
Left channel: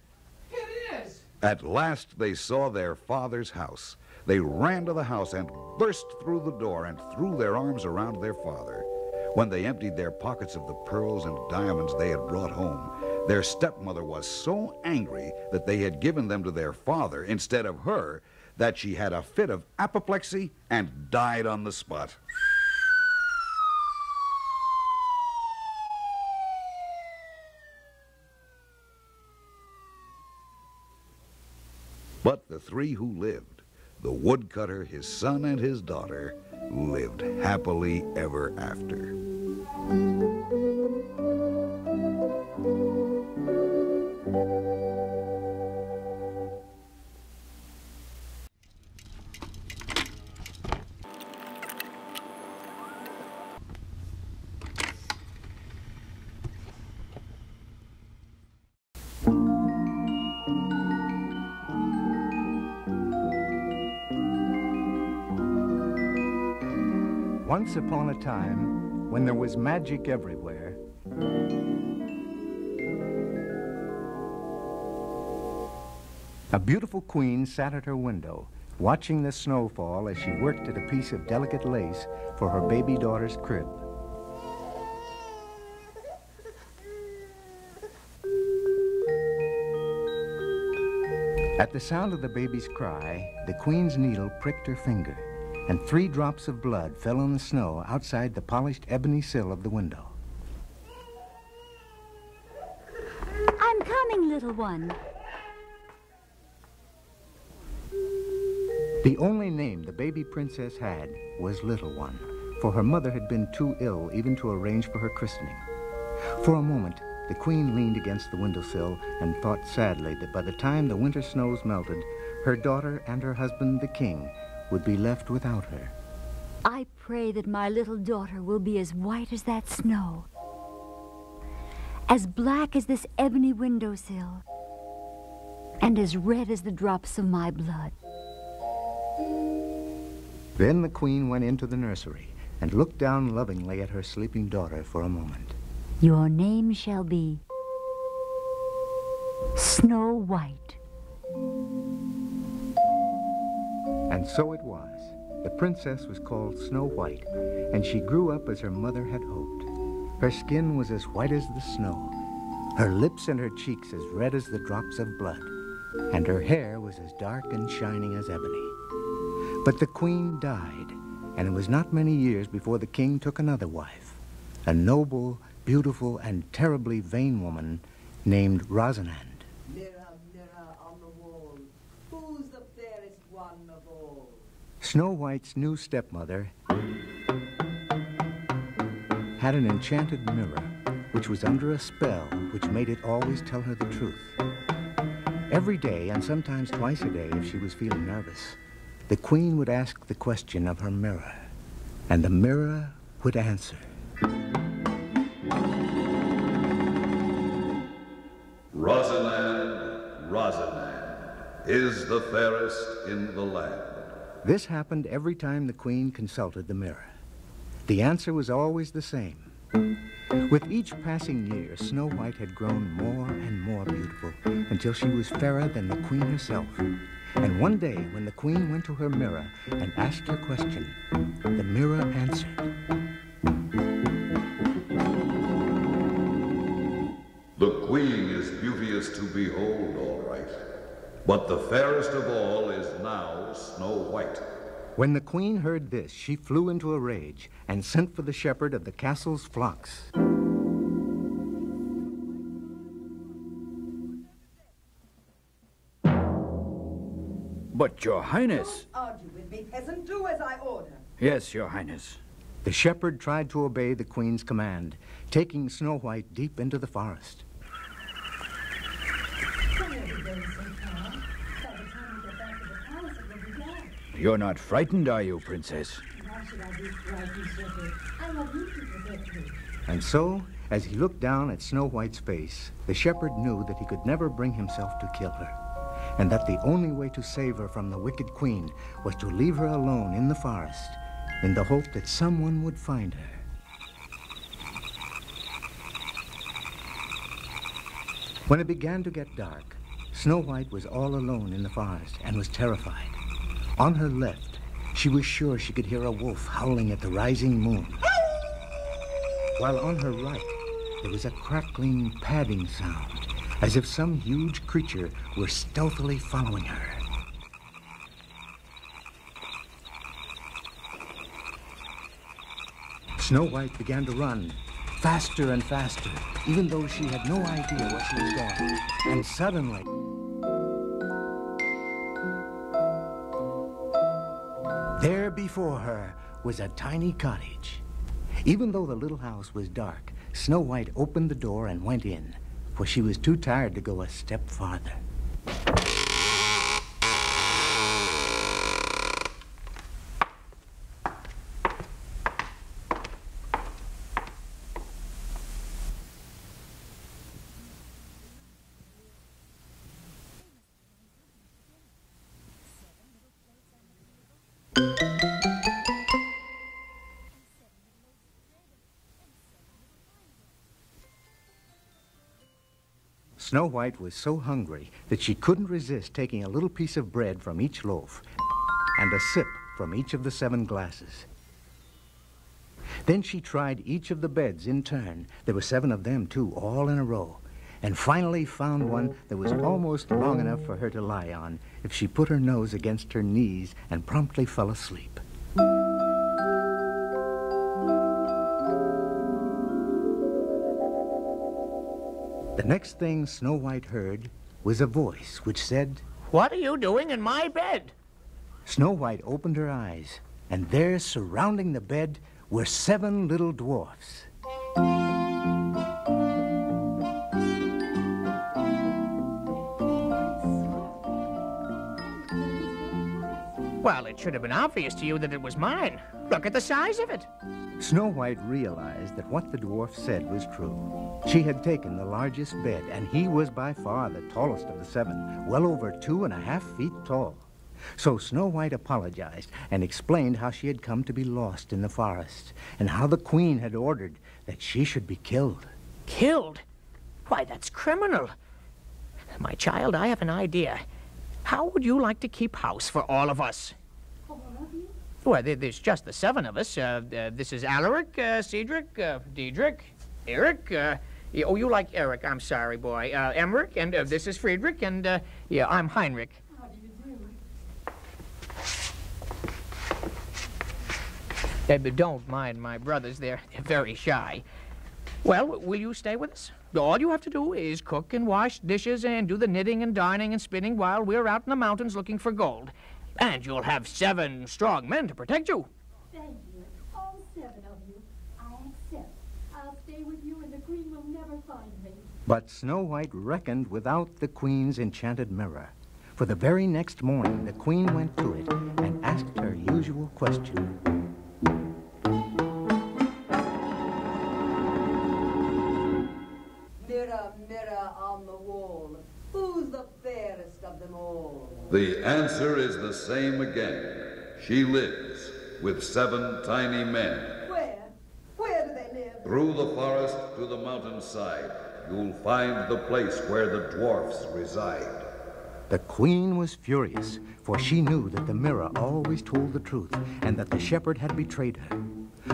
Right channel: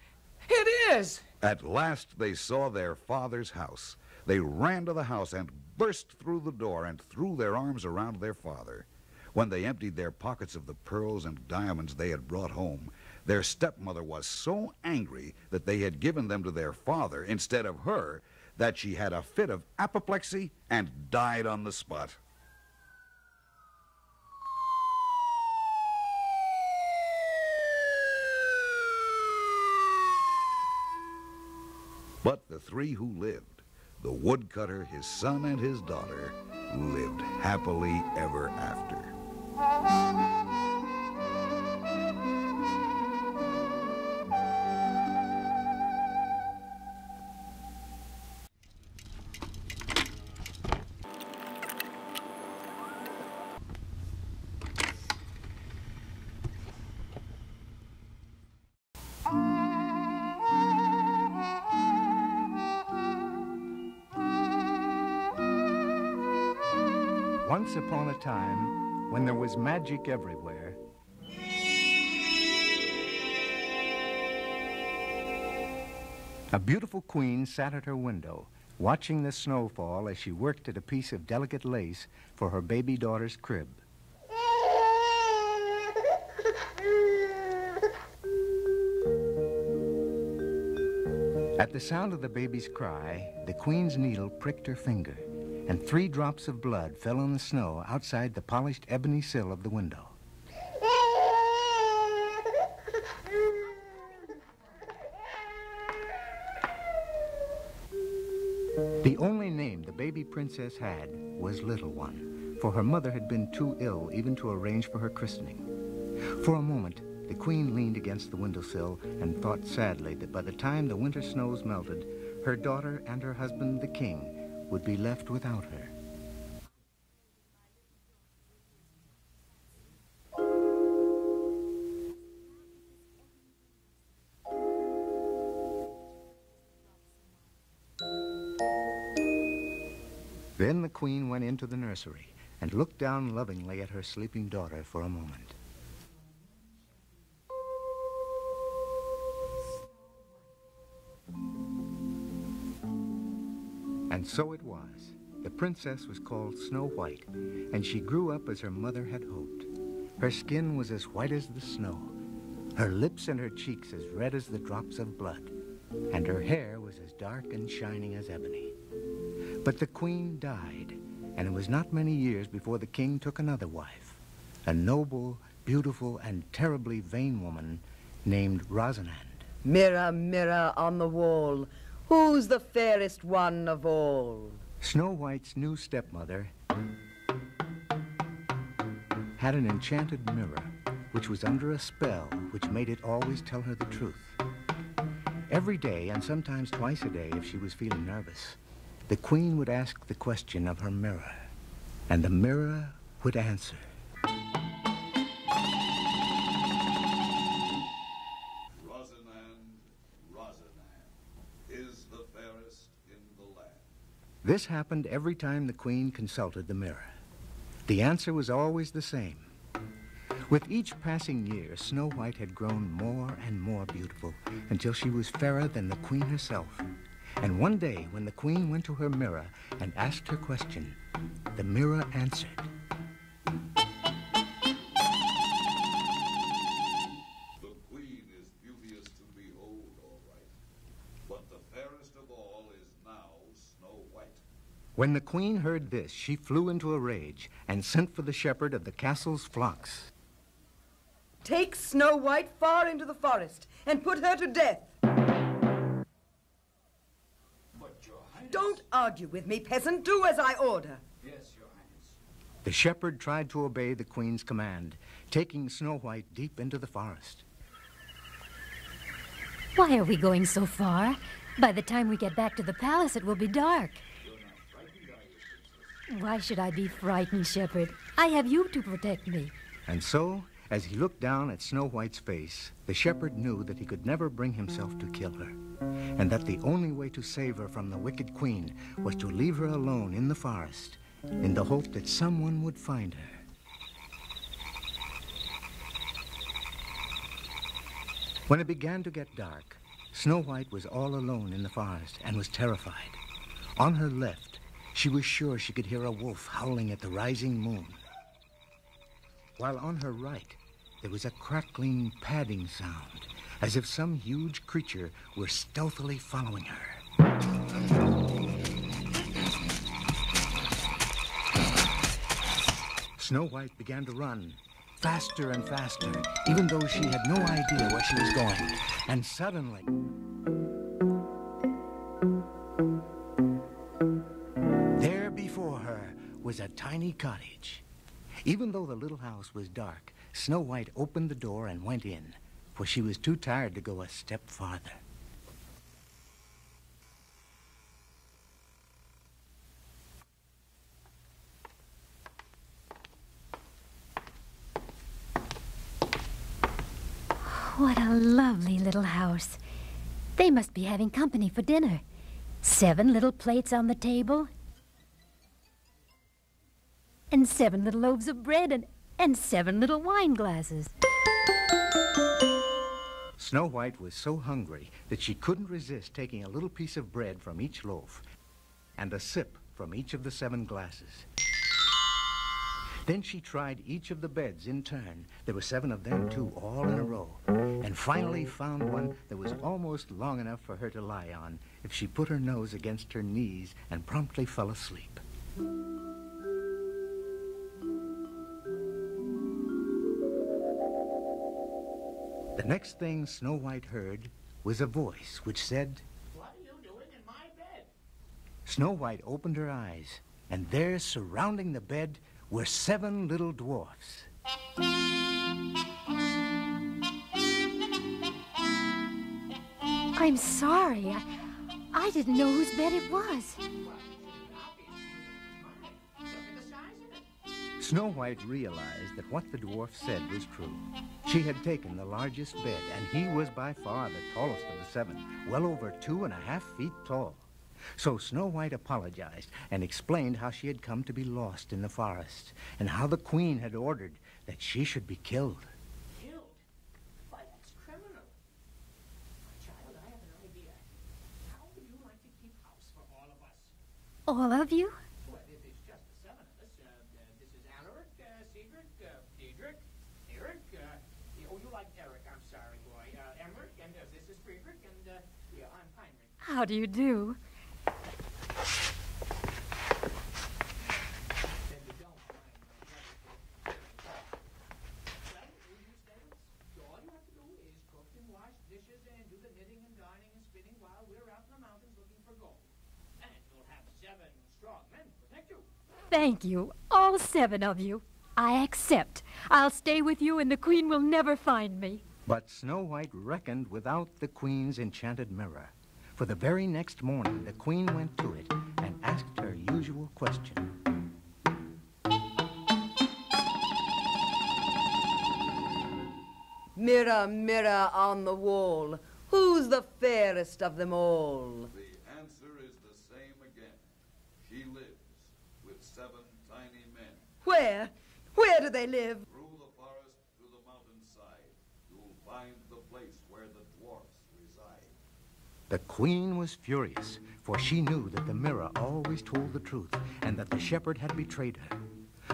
It is! At last they saw their father's house. They ran to the house and burst through the door and threw their arms around their father. When they emptied their pockets of the pearls and diamonds they had brought home, their stepmother was so angry that they had given them to their father instead of her that she had a fit of apoplexy and died on the spot. But the three who lived, the woodcutter, his son, and his daughter, lived happily ever after. Once upon a time, when there was magic everywhere, a beautiful queen sat at her window, watching the snow fall as she worked at a piece of delicate lace for her baby daughter's crib. At the sound of the baby's cry, the queen's needle pricked her finger, and 3 drops of blood fell on the snow outside the polished ebony sill of the window. I'm coming, little one. The only name the baby princess had was Little One, for her mother had been too ill even to arrange for her christening. For a moment, the queen leaned against the windowsill and thought sadly that by the time the winter snows melted, her daughter and her husband, the king, would be left without her. I pray that my little daughter will be as white as that snow, as black as this ebony windowsill, and as red as the drops of my blood. Then the queen went into the nursery and looked down lovingly at her sleeping daughter for a moment. Your name shall be Snow White. And so it was. The princess was called Snow White, and she grew up as her mother had hoped. Her skin was as white as the snow, her lips and her cheeks as red as the drops of blood, and her hair was as dark and shining as ebony. But the queen died, and it was not many years before the king took another wife, a noble, beautiful, and terribly vain woman named Rosamond. Mirror, mirror on the wall, who's the fairest one of all? Snow White's new stepmother had an enchanted mirror, which was under a spell which made it always tell her the truth. Every day, and sometimes twice a day if she was feeling nervous, the queen would ask the question of her mirror, and the mirror would answer. Rosalind, Rosalind, is the fairest in the land. This happened every time the queen consulted the mirror. The answer was always the same. With each passing year, Snow White had grown more and more beautiful until she was fairer than the queen herself. And one day, when the queen went to her mirror and asked her question, the mirror answered. The queen is beauteous to behold, all right. But the fairest of all is now Snow White. When the queen heard this, she flew into a rage and sent for the shepherd of the castle's flocks. Take Snow White far into the forest and put her to death. But, Your Highness... Don't argue with me, peasant. Do as I order. Yes, Your Highness. The shepherd tried to obey the queen's command, taking Snow White deep into the forest. Why are we going so far? By the time we get back to the palace, it will be dark. You're not frightened, are you, Princess? Why should I be frightened, Shepherd? I have you to protect me. And so, as he looked down at Snow White's face, the shepherd knew that he could never bring himself to kill her, and that the only way to save her from the wicked queen was to leave her alone in the forest, in the hope that someone would find her. When it began to get dark, Snow White was all alone in the forest and was terrified. On her left, she was sure she could hear a wolf howling at the rising moon. While on her right, there was a crackling, padding sound, as if some huge creature were stealthily following her. Snow White began to run, faster and faster, even though she had no idea where she was going. And suddenly... there before her was a tiny cottage. Even though the little house was dark, Snow White opened the door and went in, for she was too tired to go a step farther. What a lovely little house. They must be having company for dinner. 7 little plates on the table. And 7 little loaves of bread and 7 little wine glasses. Snow White was so hungry that she couldn't resist taking a little piece of bread from each loaf and a sip from each of the 7 glasses. Then she tried each of the beds in turn. There were 7 of them, too, all in a row. And finally found one that was almost long enough for her to lie on if she put her nose against her knees and promptly fell asleep. The next thing Snow White heard was a voice which said, "What are you doing in my bed?" Snow White opened her eyes, and there, surrounding the bed, were 7 little dwarfs. I'm sorry. I didn't know whose bed it was. Well, it should have been obvious to you that it was mine. Look at the size of it. Snow White realized that what the dwarf said was true. She had taken the largest bed, and he was by far the tallest of the 7, well over 2.5 feet tall. So Snow White apologized and explained how she had come to be lost in the forest, and how the queen had ordered that she should be killed. Killed? Why, that's criminal. My child, I have an idea. How would you like to keep house for all of us? All of you? Well, there's just the 7 of us. This is Alaric, Cedric, Diedrich, Eric. Oh, you like Eric. I'm sorry, boy. Emmerich, and this is Friedrich, and yeah, I'm Heinrich. How do you do? But don't mind my brothers. They're very shy. Well, will you stay with us? All you have to do is cook and wash dishes and do the knitting and darning and spinning while we're out in the mountains looking for gold. And you'll have 7 strong men to protect you. Thank you, all 7 of you. I accept. I'll stay with you and the queen will never find me. But Snow White reckoned without the queen's enchanted mirror. For the very next morning, the queen went to it and asked her usual question. Mirror, mirror on the wall, who's the fairest of them all? The answer is the same again. She lives with 7 tiny men. Where? Where do they live? Through the forest to the mountainside, you'll find the place where the dwarfs reside. The queen was furious, for she knew that the mirror always told the truth and that the shepherd had betrayed her.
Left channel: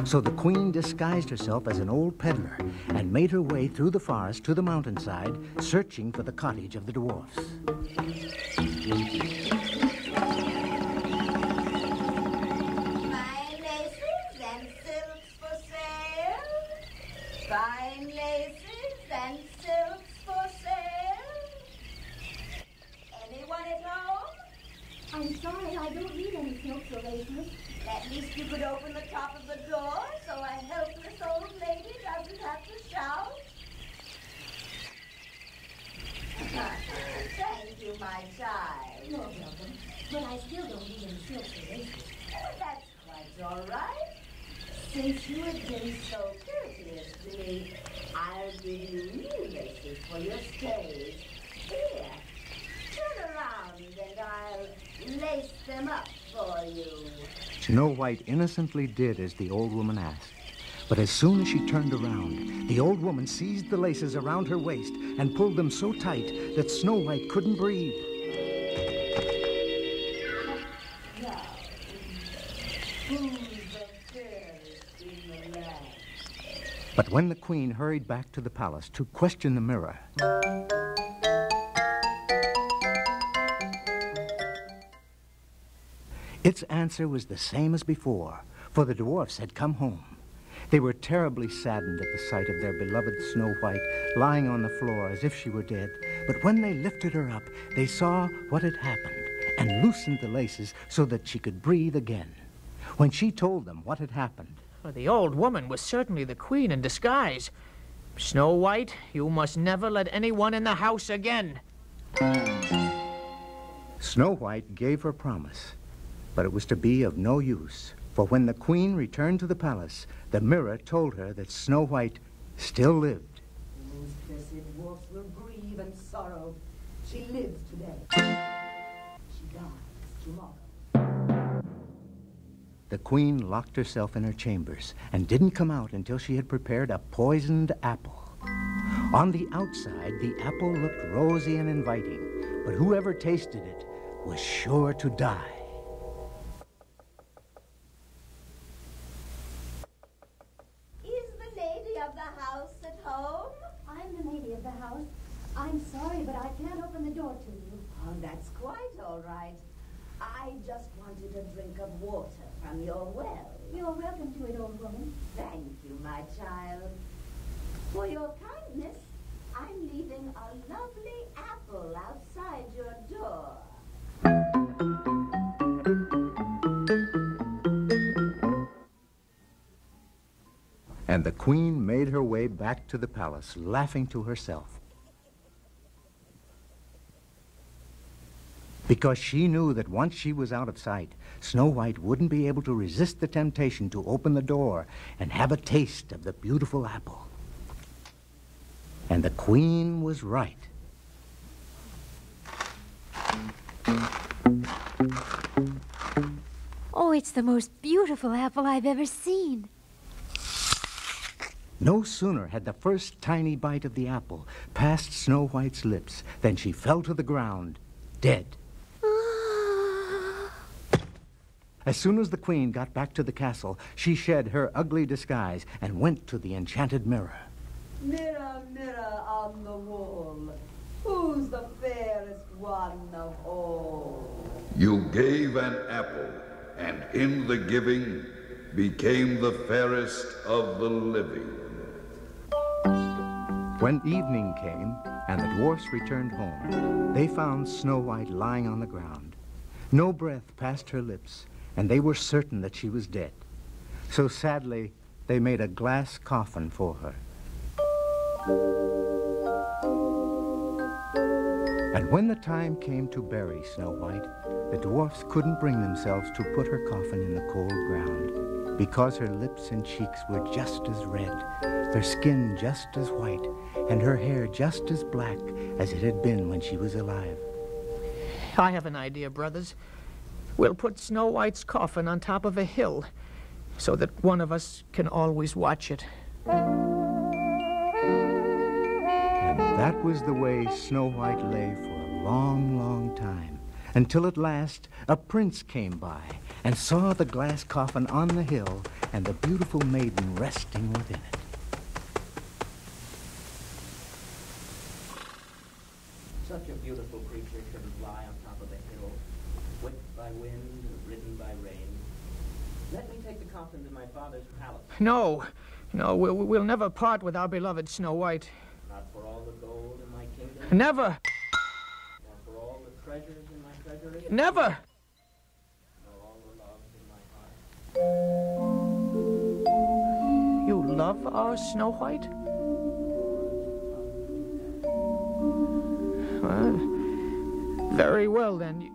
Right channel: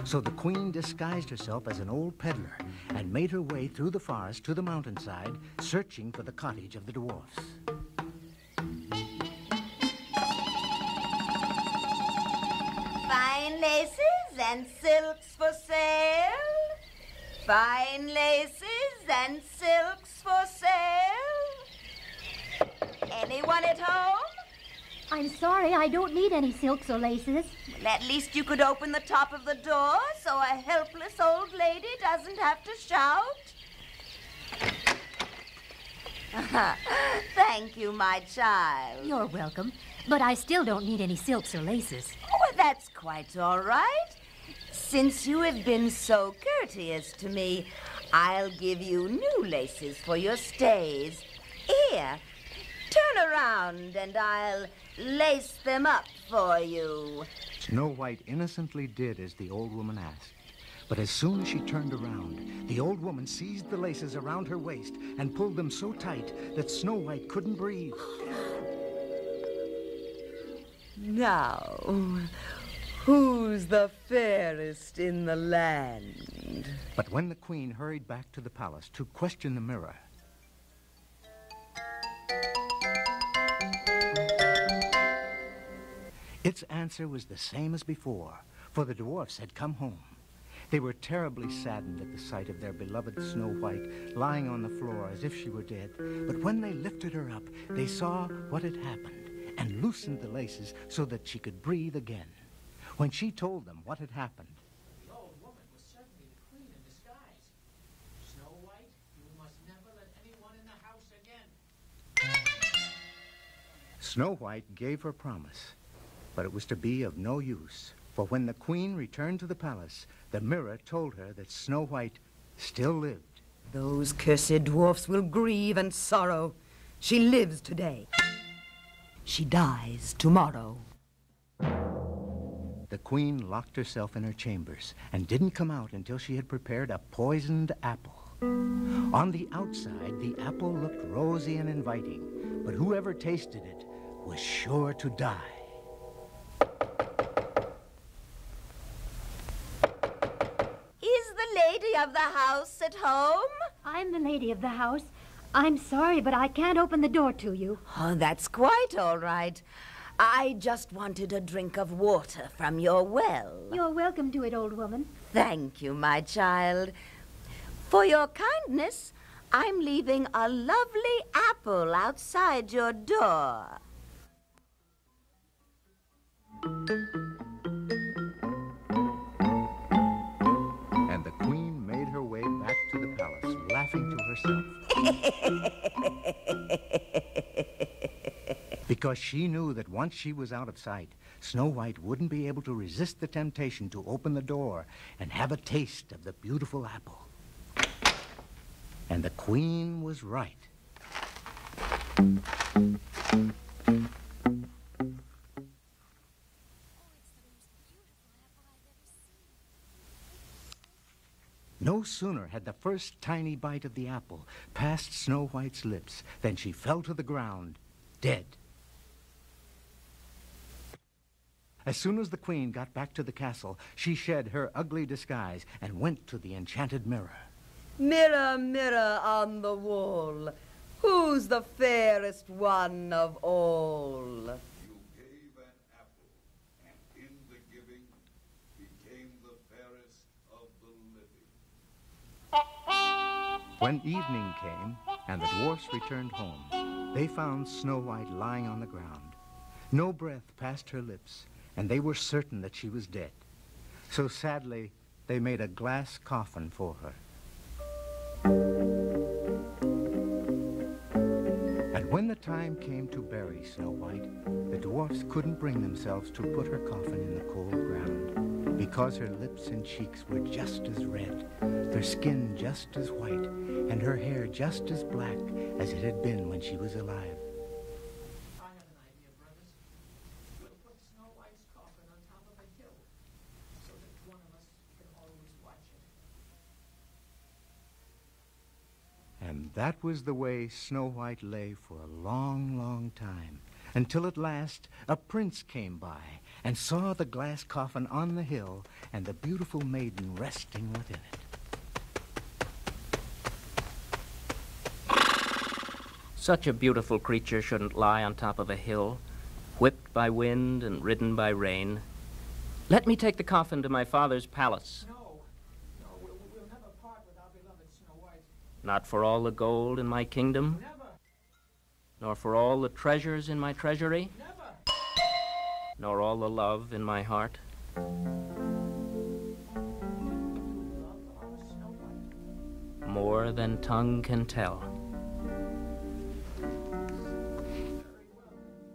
So the queen disguised herself as an old peddler and made her way through the forest to the mountainside, searching for the cottage of the dwarfs. Fine laces and silks for sale. Fine laces and silks for sale. Anyone at home? I'm sorry, I don't need any silks or laces. At least you could open the top of the door so a helpless old lady doesn't have to shout. Thank you, my child. You're welcome, but I still don't need any silks or laces. Well, that's quite all right. Since you have been so courteous to me, I'll give you new laces for your stays. Here, turn around and I'll lace them up for you. Snow White innocently did as the old woman asked. But as soon as she turned around, the old woman seized the laces around her waist and pulled them so tight that Snow White couldn't breathe. Now, who's the fairest in the land? But when the queen hurried back to the palace to question the mirror, its answer was the same as before, for the dwarfs had come home. They were terribly saddened at the sight of their beloved Snow White lying on the floor as if she were dead. But when they lifted her up, they saw what had happened and loosened the laces so that she could breathe again. When she told them what had happened, Well, the old woman was certainly the queen in disguise. Snow White, you must never let anyone in the house again. Snow White gave her promise, but it was to be of no use. For when the queen returned to the palace, the mirror told her that Snow White still lived. Those cursed dwarfs will grieve and sorrow. She lives today. She dies tomorrow. The queen locked herself in her chambers and didn't come out until she had prepared a poisoned apple. On the outside, the apple looked rosy and inviting, but whoever tasted it was sure to die. lady of the house at home? I'm the lady of the house. I'm sorry, but I can't open the door to you. Oh, that's quite all right. I just wanted a drink of water from your well. You're welcome to it, old woman. Thank you, my child. For your kindness, I'm leaving a lovely apple outside your door. And the queen made her way back to the palace, laughing to herself. Because she knew that once she was out of sight, Snow White wouldn't be able to resist the temptation to open the door and have a taste of the beautiful apple. And the queen was right. Oh, it's the most beautiful apple I've ever seen. No sooner had the first tiny bite of the apple passed Snow White's lips than she fell to the ground, dead. As soon as the queen got back to the castle, she shed her ugly disguise and went to the enchanted mirror. Mirror, mirror on the wall, who's the fairest one of all? You gave an apple, and in the giving became the fairest of the living. When evening came and the dwarfs returned home, they found Snow White lying on the ground. No breath passed her lips, and they were certain that she was dead. So sadly, they made a glass coffin for her. And when the time came to bury Snow White, the dwarfs couldn't bring themselves to put her coffin in the cold ground, because her lips and cheeks were just as red, their skin just as white, and her hair just as black as it had been when she was alive. I have an idea, brothers. We'll put Snow White's coffin on top of a hill so that one of us can always watch it. And that was the way Snow White lay for a long, long time, until at last a prince came by and saw the glass coffin on the hill and the beautiful maiden resting within it. Such a beautiful creature shouldn't lie on top of a hill, whipped by wind and ridden by rain. Let me take the coffin to my father's palace. No, we'll never part with our beloved Snow White. Not for all the gold in my kingdom. Never. Nor for all the treasures in my treasury. Never. Nor all the love in my heart. You love our Snow White? More than tongue can tell. Very well, then.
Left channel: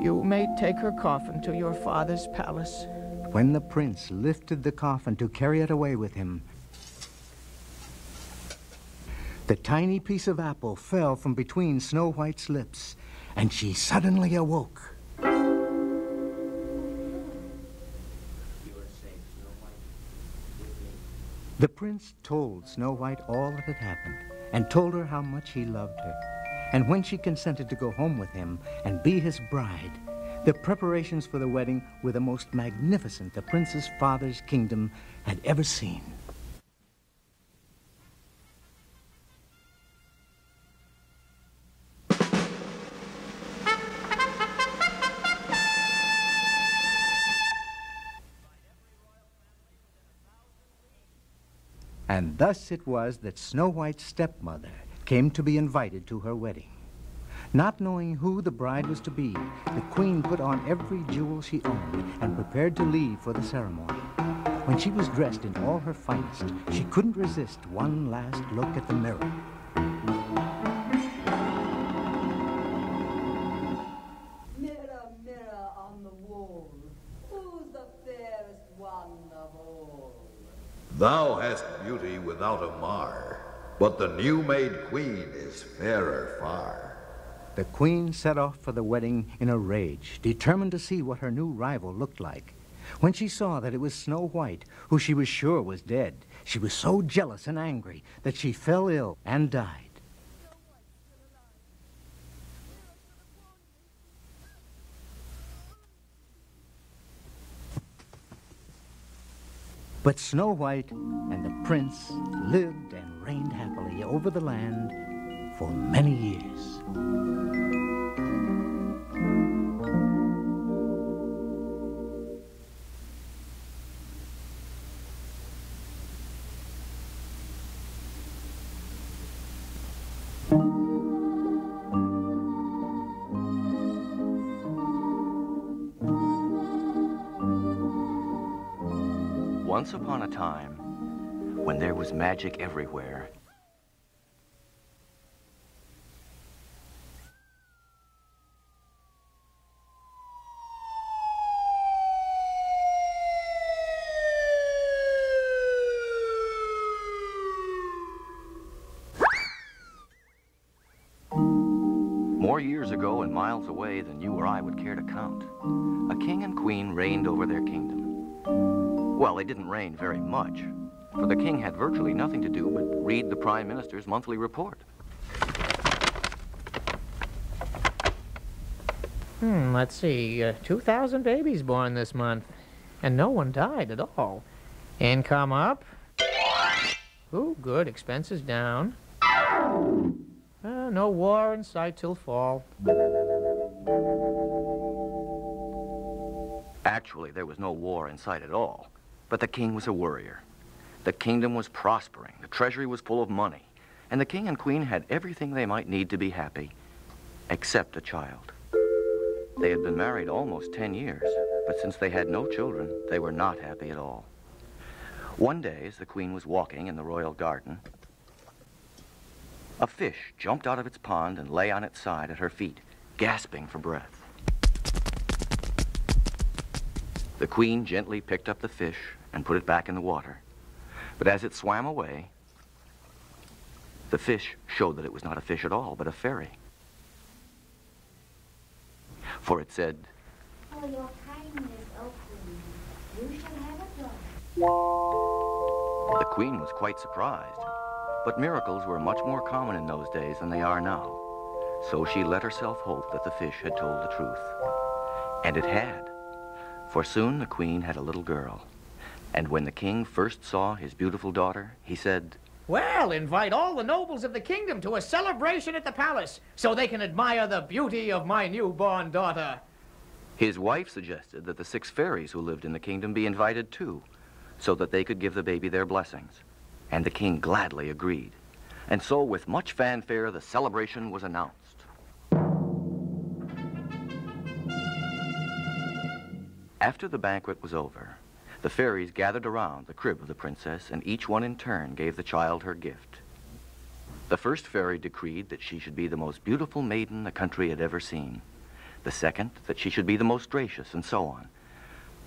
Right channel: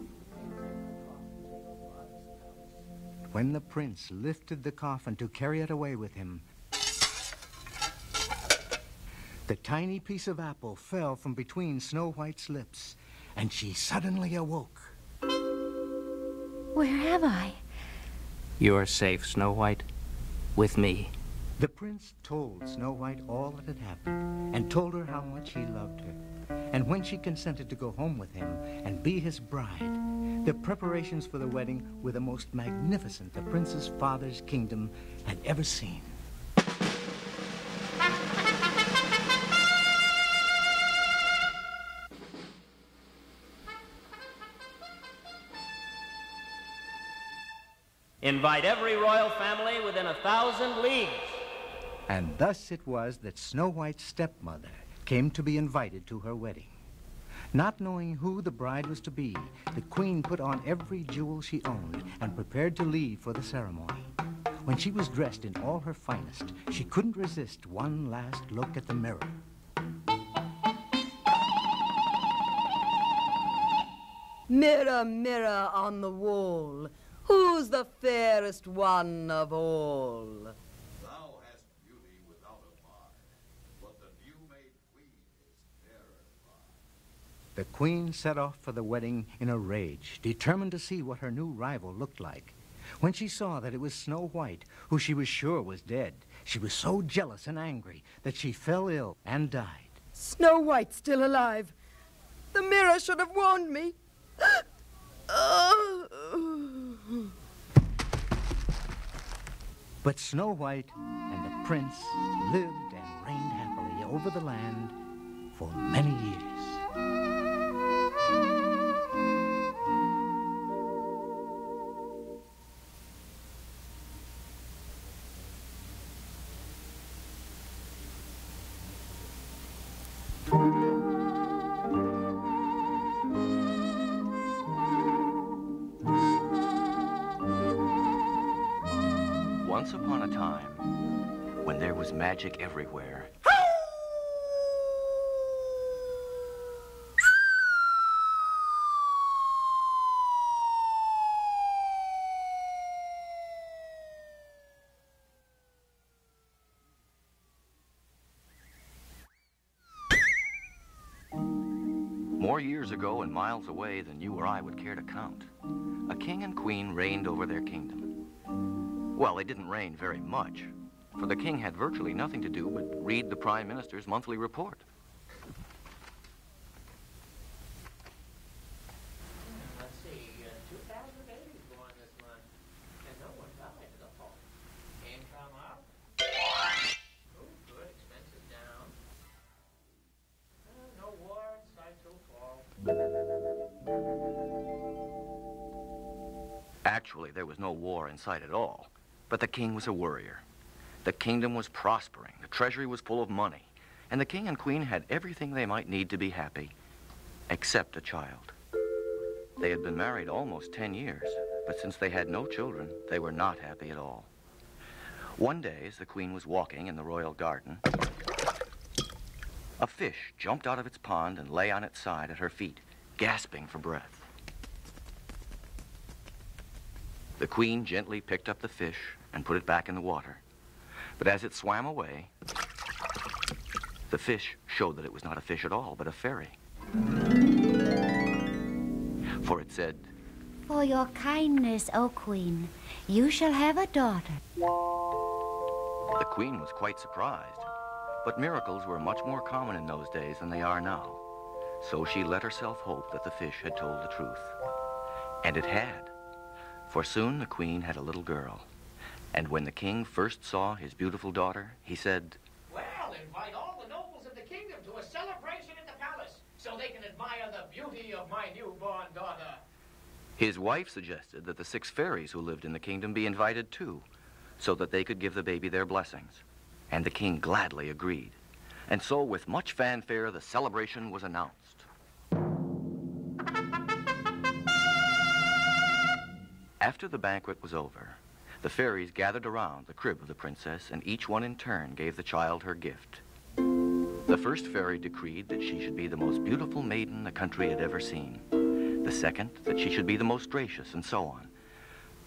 You may take her coffin to your father's palace. When the prince lifted the coffin to carry it away with him, the tiny piece of apple fell from between Snow White's lips, and she suddenly awoke. Where am I? You're safe, Snow White, with me. The prince told Snow White all that had happened, and told her how much he loved her. And when she consented to go home with him and be his bride, the preparations for the wedding were the most magnificent the prince's father's kingdom had ever seen. Invite every royal family within 1,000 leagues. And thus it was that Snow White's stepmother came to be invited to her wedding. Not knowing who the bride was to be, the queen put on every jewel she owned and prepared to leave for the ceremony. When she was dressed in all her finest, she couldn't resist one last look at the mirror. Mirror, mirror on the wall, who's the fairest one of all? Thou hast beauty without a mar, but the new-made queen is fairer far. The queen set off for the wedding in a rage, determined to see what her new rival looked like. When she saw that it was Snow White, who she was sure was dead, she was so jealous and angry that she fell ill and died. Snow White's still alive. The mirror should have warned me. But Snow White and the prince lived and reigned happily over the land for many years. Once upon a time, when there was magic everywhere, more years ago and miles away than you or I would care to count, a king and queen reigned over their kingdom. Well, they didn't reign very much, for the king had virtually nothing to do but read the prime minister's monthly report. Let's see, 2,000 babies born this month, and no one died at all. Income up. Ooh, good, expenses down. No war in sight till fall. Actually, there was no war in sight at all, but the king was a worrier. The kingdom was prospering, the treasury was full of money, and the king and queen had everything they might need to be happy, except a child. They had been married almost 10 years, but since they had no children, they were not happy at all. One day, as the queen was walking in the royal garden, a fish jumped out of its pond and lay on its side at her feet, gasping for breath. The queen gently picked up the fish and put it back in the water. But as it swam away, the fish showed that it was not a fish at all, but a fairy. For it said, "For your kindness, O Queen, you shall have a daughter." The queen was quite surprised, but miracles were much more common in those days than they are now. So she let herself hope that the fish had told the truth. And it had. For soon the queen had a little girl. And when the king first saw his beautiful daughter, he said, "Well, invite all the nobles of the kingdom to a celebration at the palace, so they can admire the beauty of my newborn daughter." His wife suggested that the 6 fairies who lived in the kingdom be invited too, so that they could give the baby their blessings. And the king gladly agreed. And so, with much fanfare, the celebration was announced. After the banquet was over, the fairies gathered around the crib of the princess, and each one in turn gave the child her gift. The first fairy decreed that she should be the most beautiful maiden the country had ever seen. The second, that she should be the most gracious, and so on.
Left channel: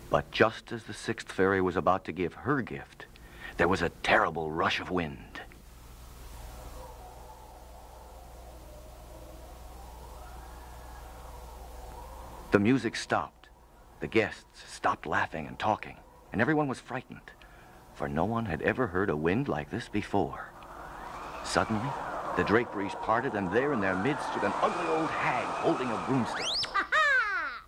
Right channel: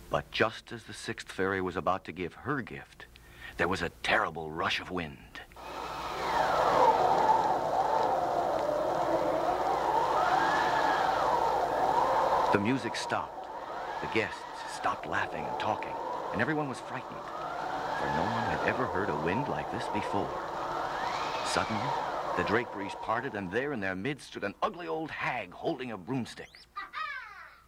But just as the 6th fairy was about to give her gift, there was a terrible rush of wind. The music stopped. The guests stopped laughing and talking, and everyone was frightened, for no one had ever heard a wind like this before. Suddenly, the draperies parted, and there in their midst stood an ugly old hag holding a broomstick. Ha-ha!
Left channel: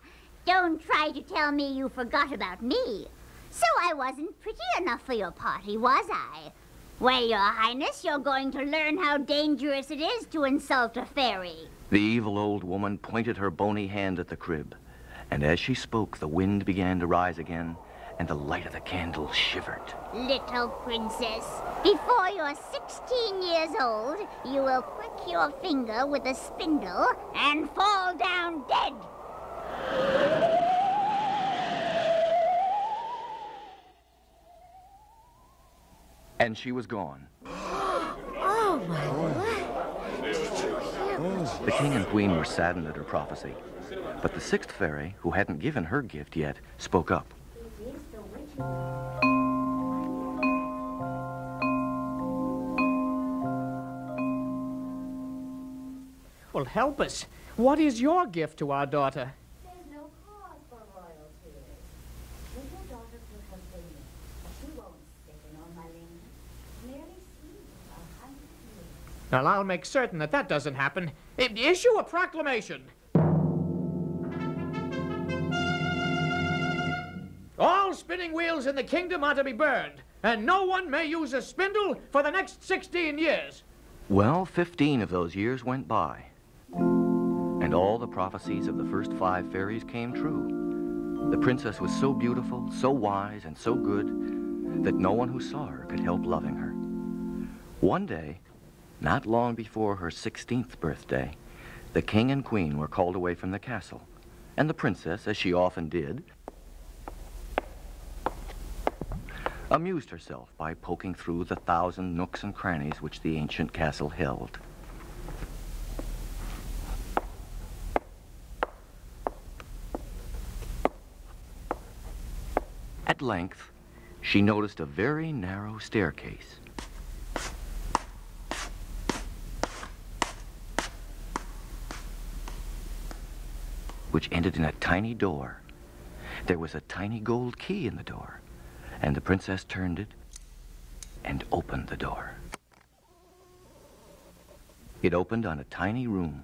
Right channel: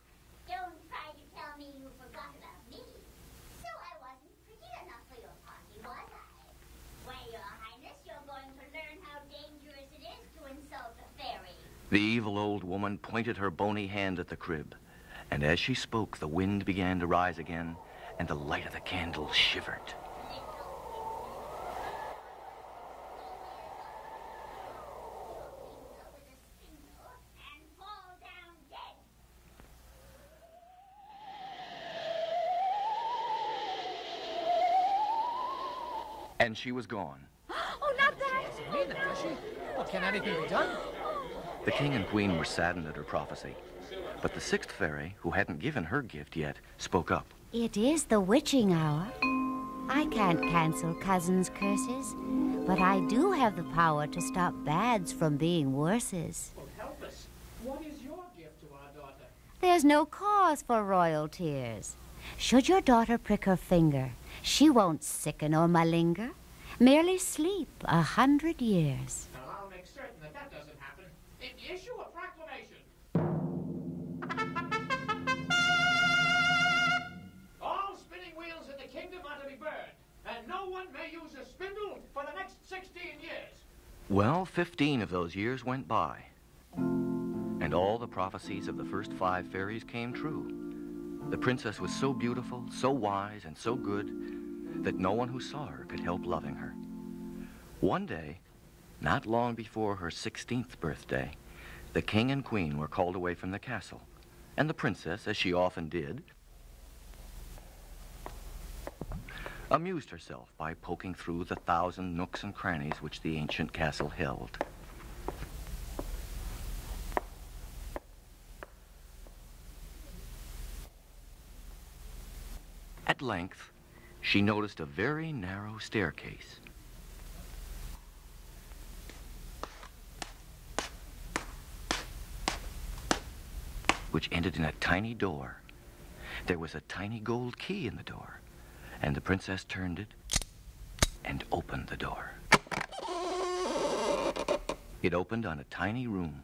Don't try to tell me you forgot about me. So I wasn't pretty enough for your party, was I? Well, Your Highness, you're going to learn how dangerous it is to insult a fairy. The evil old woman pointed her bony hand at the crib, and as she spoke, the wind began to rise again, and the light of the candle shivered. Little princess, before you're 16 years old, you will prick your finger with a spindle and fall down dead. And she was gone. The king and queen were saddened at her prophecy, but the 6th fairy, who hadn't given her gift yet, spoke up. It is the witching hour. I can't cancel cousins' curses, but I do have the power to stop bads from being worses. Well, help us. What is your gift to our daughter? There's no cause for royal tears. Should your daughter prick her finger, she won't sicken or malinger, merely sleep 100 years. Well, I'll make certain that that doesn't happen. Issue a proclamation. All spinning wheels in the kingdom are to be burned, and no one may use a spindle for the next 16 years. Well, 15 of those years went by, and all the prophecies of the first 5 fairies came true. The princess was so beautiful, so wise, and so good that no one who saw her could help loving her. One day, not long before her 16th birthday, the king and queen were called away from the castle, and the princess, as she often did, amused herself by poking through the 1,000 nooks and crannies which the ancient castle held. At length, she noticed a very narrow staircase. Which ended in a tiny door. There was a tiny gold key in the door, and the princess turned it and opened the door. It opened on a tiny room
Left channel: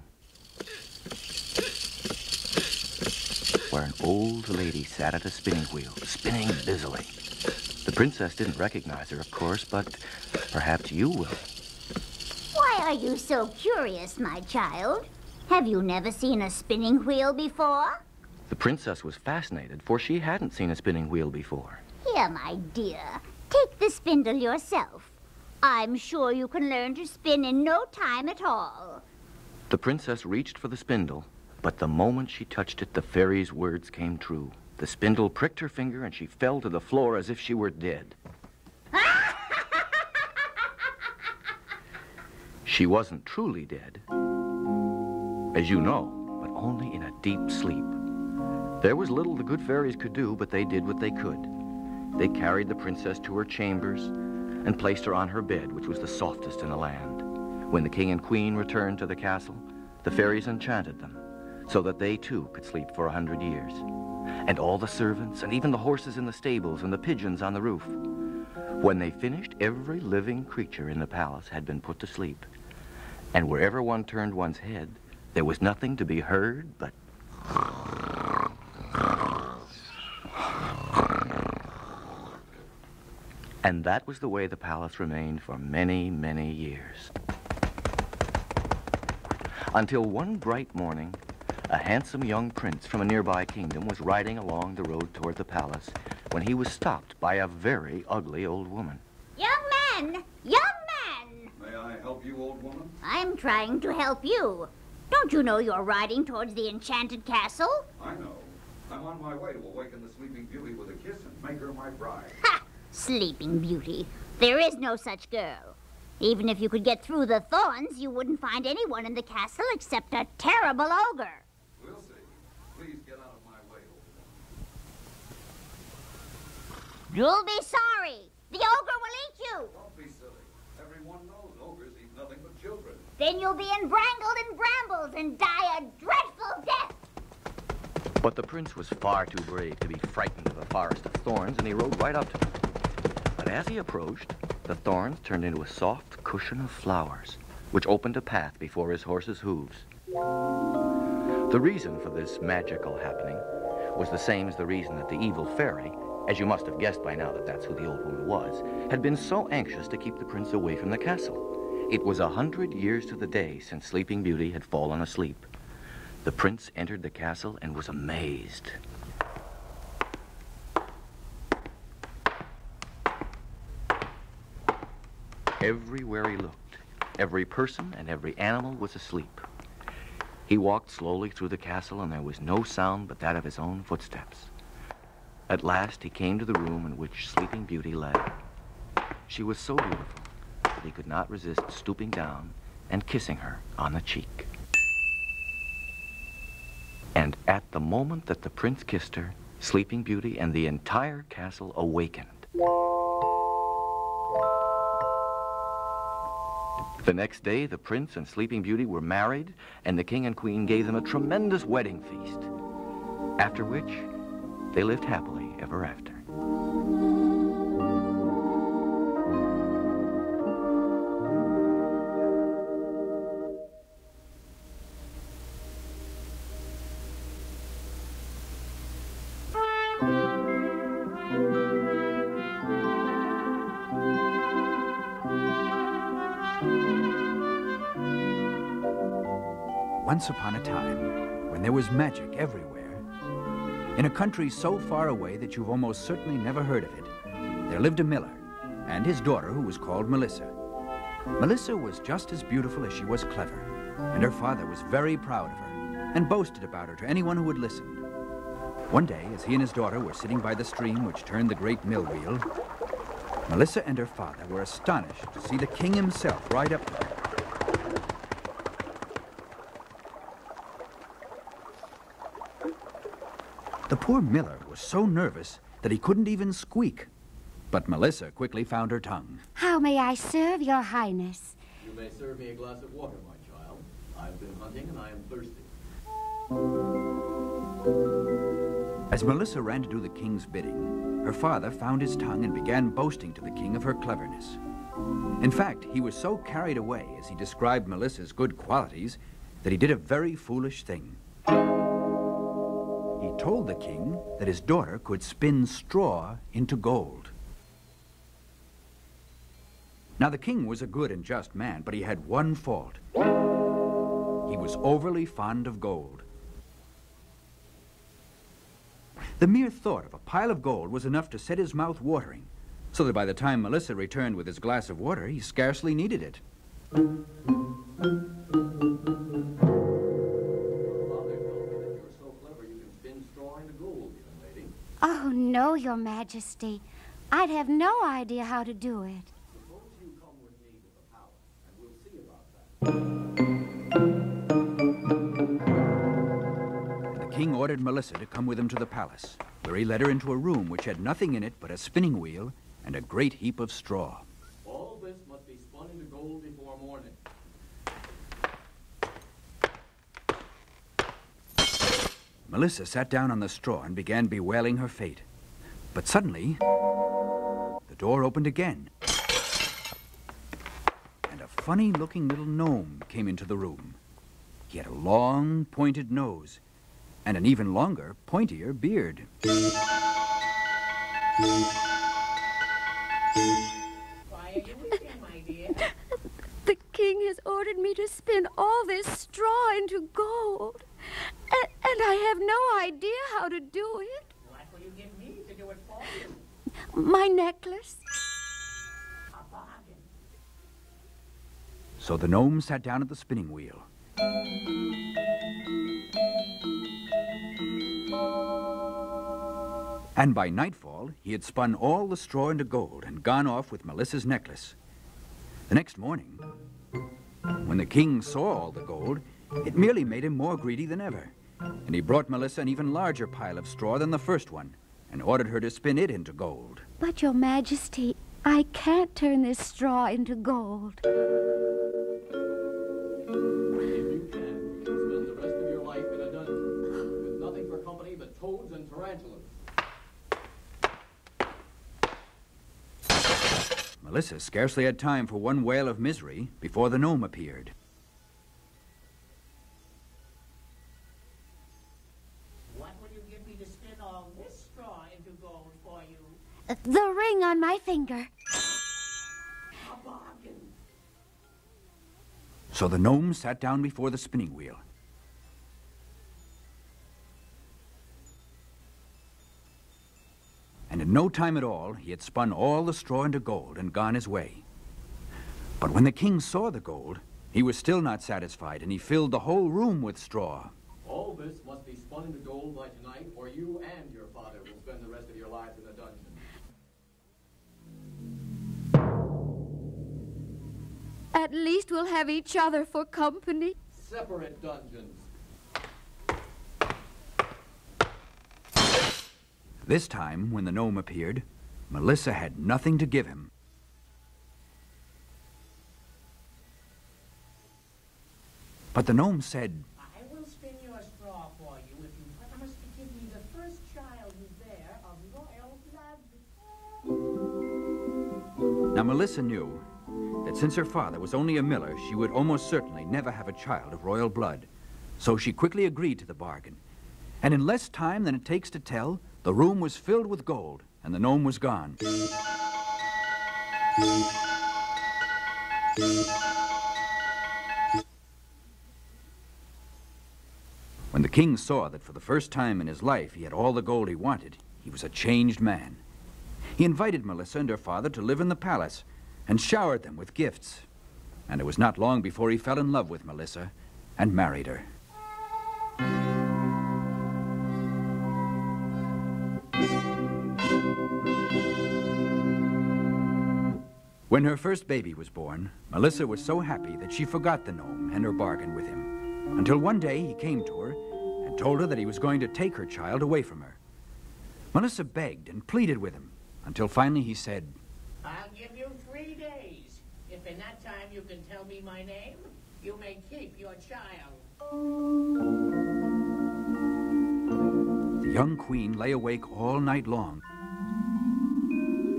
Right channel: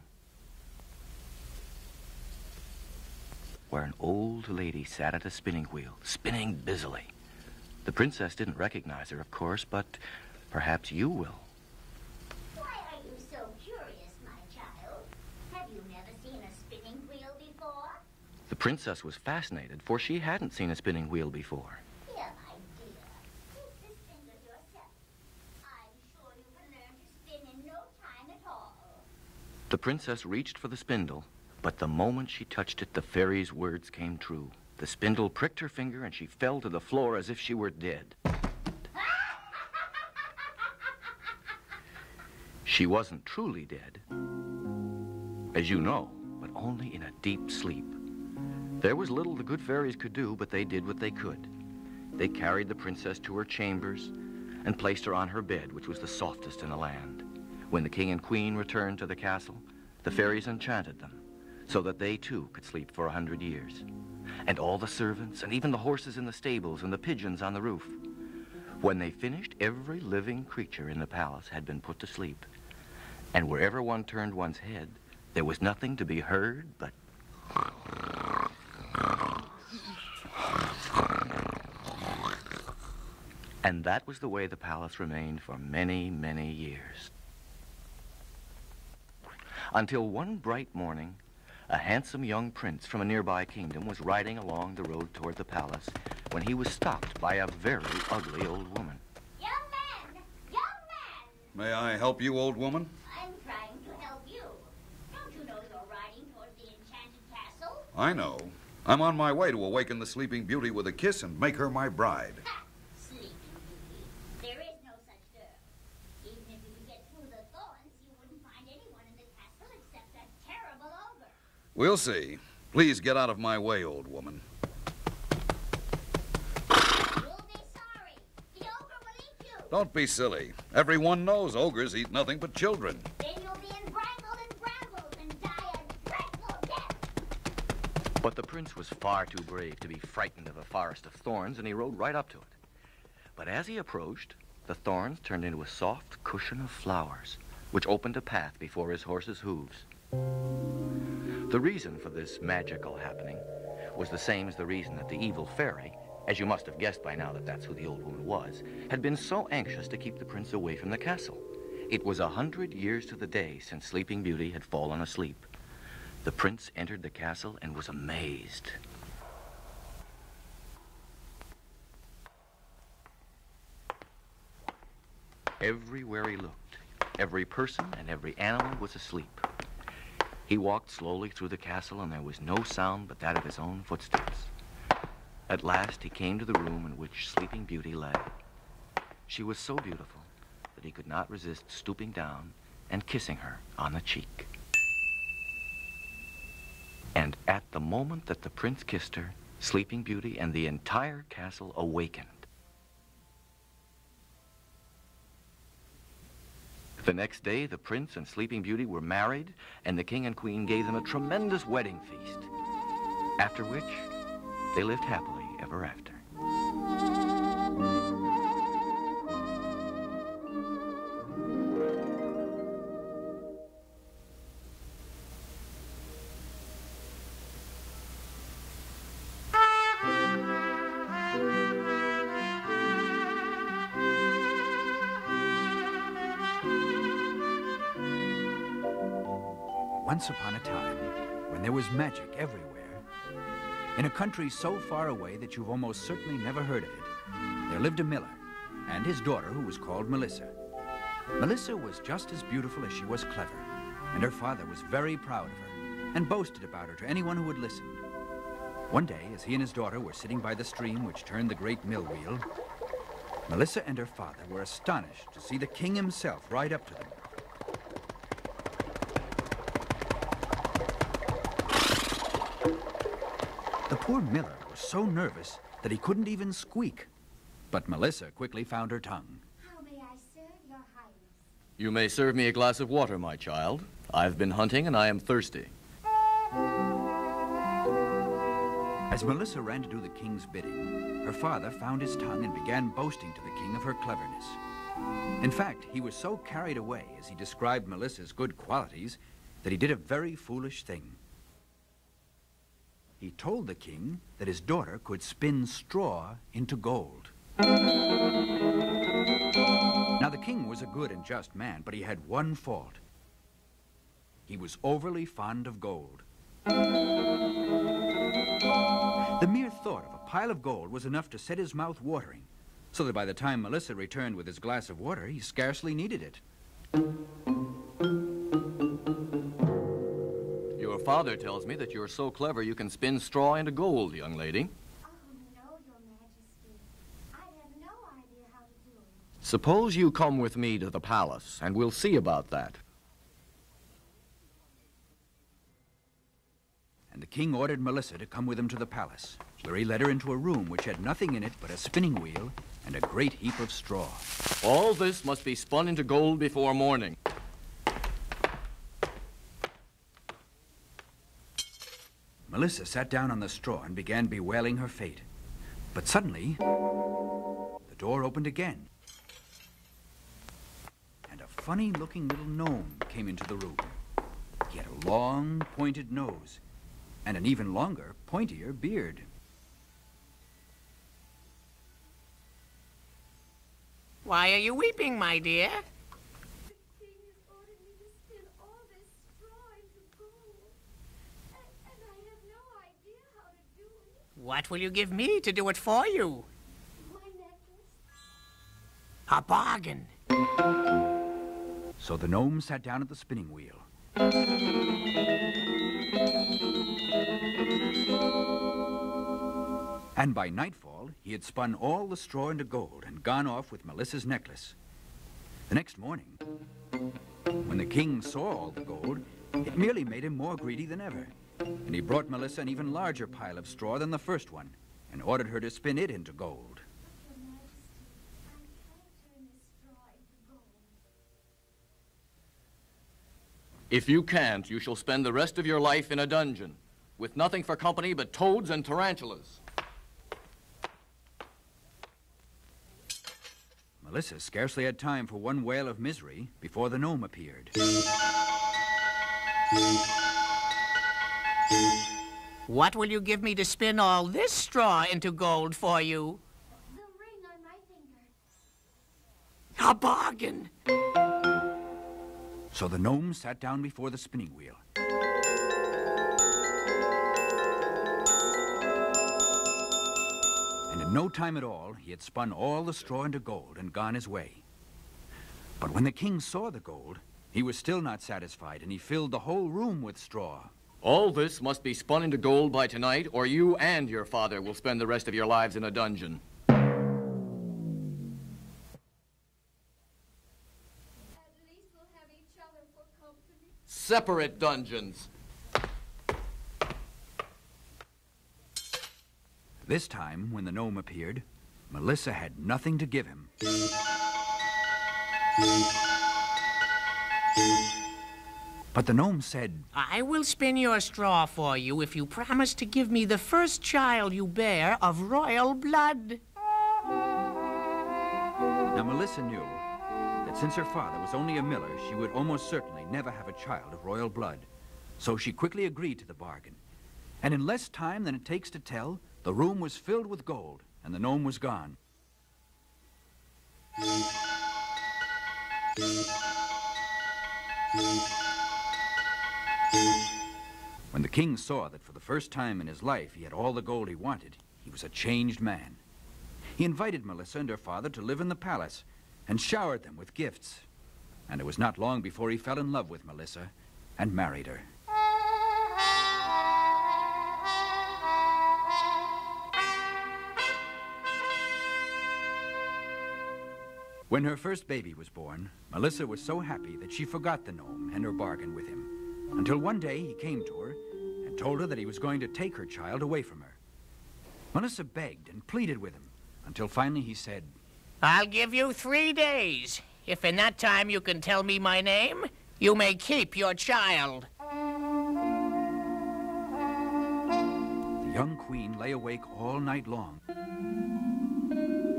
where an old lady sat at a spinning wheel, spinning busily. The princess didn't recognize her, of course, but perhaps you will. Why are you so curious, my child? Have you never seen a spinning wheel before? The princess was fascinated, for she hadn't seen a spinning wheel before. Here, my dear, take the spindle yourself. I'm sure you can learn to spin in no time at all. The princess reached for the spindle, but the moment she touched it, the fairy's words came true. The spindle pricked her finger, and she fell to the floor as if she were dead. She wasn't truly dead, as you know, but only in a deep sleep. There was little the good fairies could do, but they did what they could. They carried the princess to her chambers and placed her on her bed, which was the softest in the land. When the king and queen returned to the castle, the fairies enchanted them so that they too could sleep for 100 years. And all the servants, and even the horses in the stables and the pigeons on the roof. When they finished, every living creature in the palace had been put to sleep. And wherever one turned one's head, there was nothing to be heard but... And that was the way the palace remained for many, many years. Until one bright morning, a handsome young prince from a nearby kingdom was riding along the road toward the palace when he was stopped by a very ugly old woman. Young man! Young man! May I help you, old woman? I'm trying to help you. Don't you know you're riding towards the enchanted castle? I know. I'm on my way to awaken the Sleeping Beauty with a kiss and make her my bride. Ha! Sleeping Beauty. There is no such girl. Even if you could get through the thorns, you wouldn't find anyone in the castle except a terrible ogre. We'll see. Please get out of my way, old woman. You'll be sorry. The ogre will eat you. Don't be silly. Everyone knows ogres eat nothing but children. Then you'll be embrangled in brambles and die a dreadful death. But the prince was far too brave to be frightened of a forest of thorns, and he rode right up to it. But as he approached, the thorns turned into a soft cushion of flowers, which opened a path before his horse's hooves. The reason for this magical happening was the same as the reason that the evil fairy, as you must have guessed by now that that's who the old woman was, had been so anxious to keep the prince away from the castle. It was 100 years to the day since Sleeping Beauty had fallen asleep. The prince entered the castle and was amazed. Everywhere he looked, every person and every animal was asleep. He walked slowly through the castle, and there was no sound but that of his own footsteps. At last, he came to the room in which Sleeping Beauty lay. She was so beautiful that he could not resist stooping down and kissing her on the cheek. And at the moment that the prince kissed her, Sleeping Beauty and the entire castle awakened. The next day, the prince and Sleeping Beauty were married, and the king and queen gave them a tremendous wedding feast, after which they lived happily ever after. once upon a time, when there was magic everywhere, in a country so far away that you've almost certainly never heard of it, there lived a miller and his daughter who was called Melissa. Melissa was just as beautiful as she was clever, and her father was very proud of her and boasted about her to anyone who would listen. One day, as he and his daughter were sitting by the stream which turned the great mill wheel, Melissa and her father were astonished to see the king himself ride up to them. The poor miller was so nervous that he couldn't even squeak. But Melissa quickly found her tongue. How may I serve your highness? You may serve me a glass of water, my child. I've been hunting and I am thirsty. As Melissa ran to do the king's bidding, her father found his tongue and began boasting to the king of her cleverness. In fact, he was so carried away as he described Melissa's good qualities that he did a very foolish thing. He told the king that his daughter could spin straw into gold. Now, the king was a good and just man, but he had one fault. He was overly fond of gold. The mere thought of a pile of gold was enough to set his mouth watering, so that by the time Melissa returned with his glass of water, he scarcely needed it. Your father tells me that you're so clever you can spin straw into gold, young lady. Oh, no, your majesty. I'd have no idea how to do it. Suppose you come with me to the palace, and we'll see about that. The king ordered Melissa to come with him to the palace, where he led her into a room which had nothing in it but a spinning wheel and a great heap of straw. All this must be spun into gold before morning. Melissa sat down on the straw and began bewailing her fate. But suddenly, the door opened again, and a funny-looking little gnome came into the room. He had a long, pointed nose and an even longer, pointier beard. Why are you weeping, my dear? The king has ordered me to spin all this straw into gold. And I have no idea how to do it. What will you give me to do it for you? My necklace. A bargain. So the gnome sat down at the spinning wheel. And by nightfall, he had spun all the straw into gold and gone off with Melissa's necklace. The next morning, when the king saw all the gold, it merely made him more greedy than ever. And he brought Melissa an even larger pile of straw than the first one and ordered her to spin it into gold. But, your majesty, I can't turn this straw into gold. If you can't, you shall spend the rest of your life in a dungeon, with nothing for company but toads and tarantulas. Melissa scarcely had time for one wail of misery before the gnome appeared. What will you give me to spin all this straw into gold for you? The ring on my finger. A bargain. So the gnome sat down before the spinning wheel. And in no time at all, he had spun all the straw into gold and gone his way. But when the king saw the gold, he was still not satisfied, and he filled the whole room with straw. All this must be spun into gold by tonight, or you and your father will spend the rest of your lives in a dungeon. At least we'll have each other for company. Separate dungeons. This time, when the gnome appeared, Melissa had nothing to give him. But the gnome said, I will spin your straw for you if you promise to give me the first child you bear of royal blood. Now Melissa knew that since her father was only a miller, she would almost certainly never have a child of royal blood. So she quickly agreed to the bargain. And in less time than it takes to tell, the room was filled with gold, and the gnome was gone. king saw that for the first time in his life he had all the gold he wanted. He was a changed man. He invited Melissa and her father to live in the palace and showered them with gifts. And it was not long before he fell in love with Melissa and married her. When her first baby was born, Melissa was so happy that she forgot the gnome and her bargain with him, until one day he came to her and told her that he was going to take her child away from her. Melissa begged and pleaded with him, until finally he said, I'll give you 3 days. If in that time you can tell me my name, you may keep your child. The young queen lay awake all night long,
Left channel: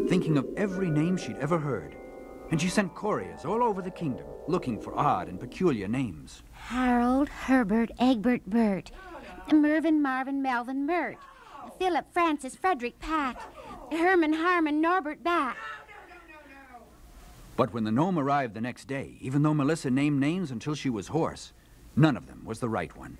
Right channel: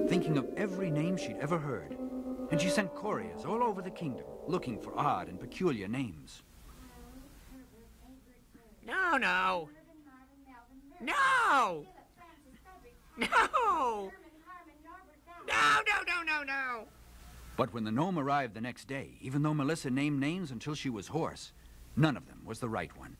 thinking of every name she'd ever heard. And she sent couriers all over the kingdom, looking for odd and peculiar names. Harold, Herbert, Egbert, Bert. No. Mervyn, Marvin, Melvin, Mert. No. Philip, Francis, Frederick, Pat. No. Herman, Harmon, Norbert, Bat. No. But when the gnome arrived the next day, even though Melissa named names until she was hoarse, none of them was the right one.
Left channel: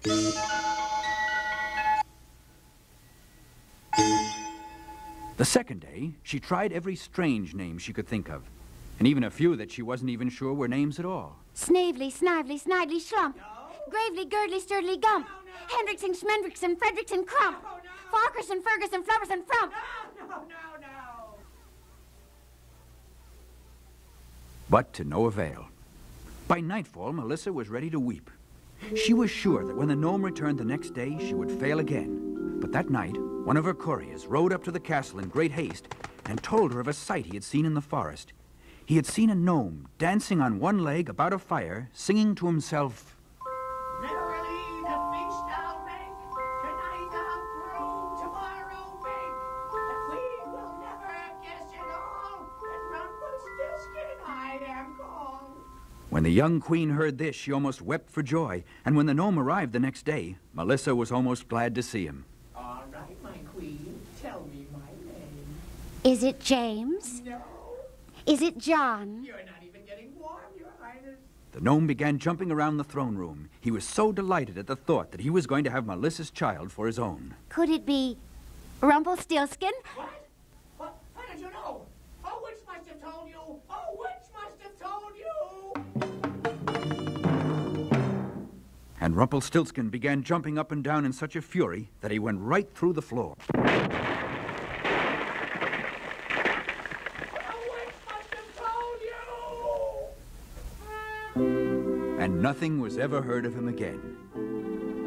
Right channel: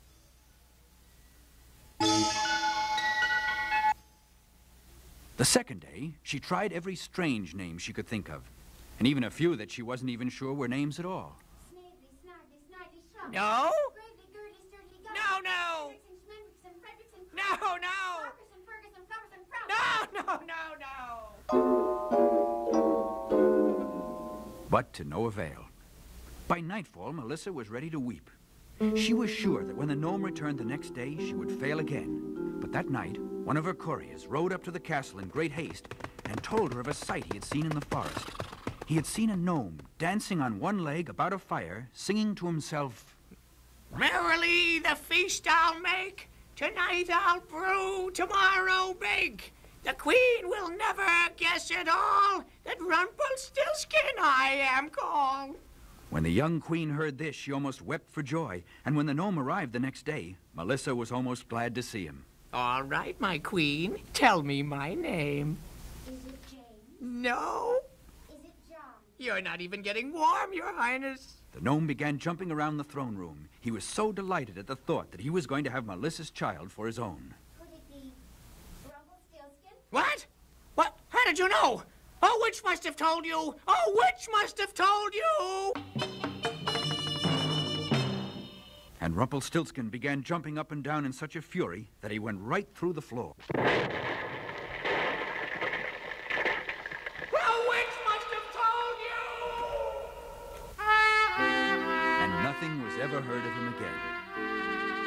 The second day, she tried every strange name she could think of, and even a few that she wasn't even sure were names at all. Snavely, Snively, Snidely, Schlump. No. Gravely, Girdly, Sturdily, Gump. No. Hendrickson, Schmendrickson, Fredrickson, Crump. No. Farquharson, Ferguson, Flubberson, Frump. No. But to no avail. By nightfall, Melissa was ready to weep. She was sure that when the gnome returned the next day, she would fail again. But that night, one of her couriers rode up to the castle in great haste and told her of a sight he had seen in the forest. He had seen a gnome dancing on one leg about a fire, singing to himself, Merrily the feast I'll make, tonight I'll brew, tomorrow bake. The queen will never guess at all that Rumpelstiltskin I am called. When the young queen heard this, she almost wept for joy, and when the gnome arrived the next day, Melissa was almost glad to see him. All right, my queen, tell me my name. Is it James? No. Is it John? You're not even getting warm, Your Highness. The gnome began jumping around the throne room. He was so delighted at the thought that he was going to have Melissa's child for his own. Could it be Rumpelstiltskin? What? What? How did you know? Oh, which must have told you? Oh, which must have told you? And Rumpelstiltskin began jumping up and down in such a fury that he went right through the floor. And nothing was ever heard of him again.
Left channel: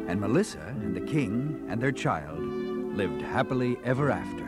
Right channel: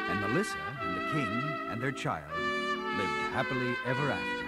And Melissa and the king and their child lived happily ever after.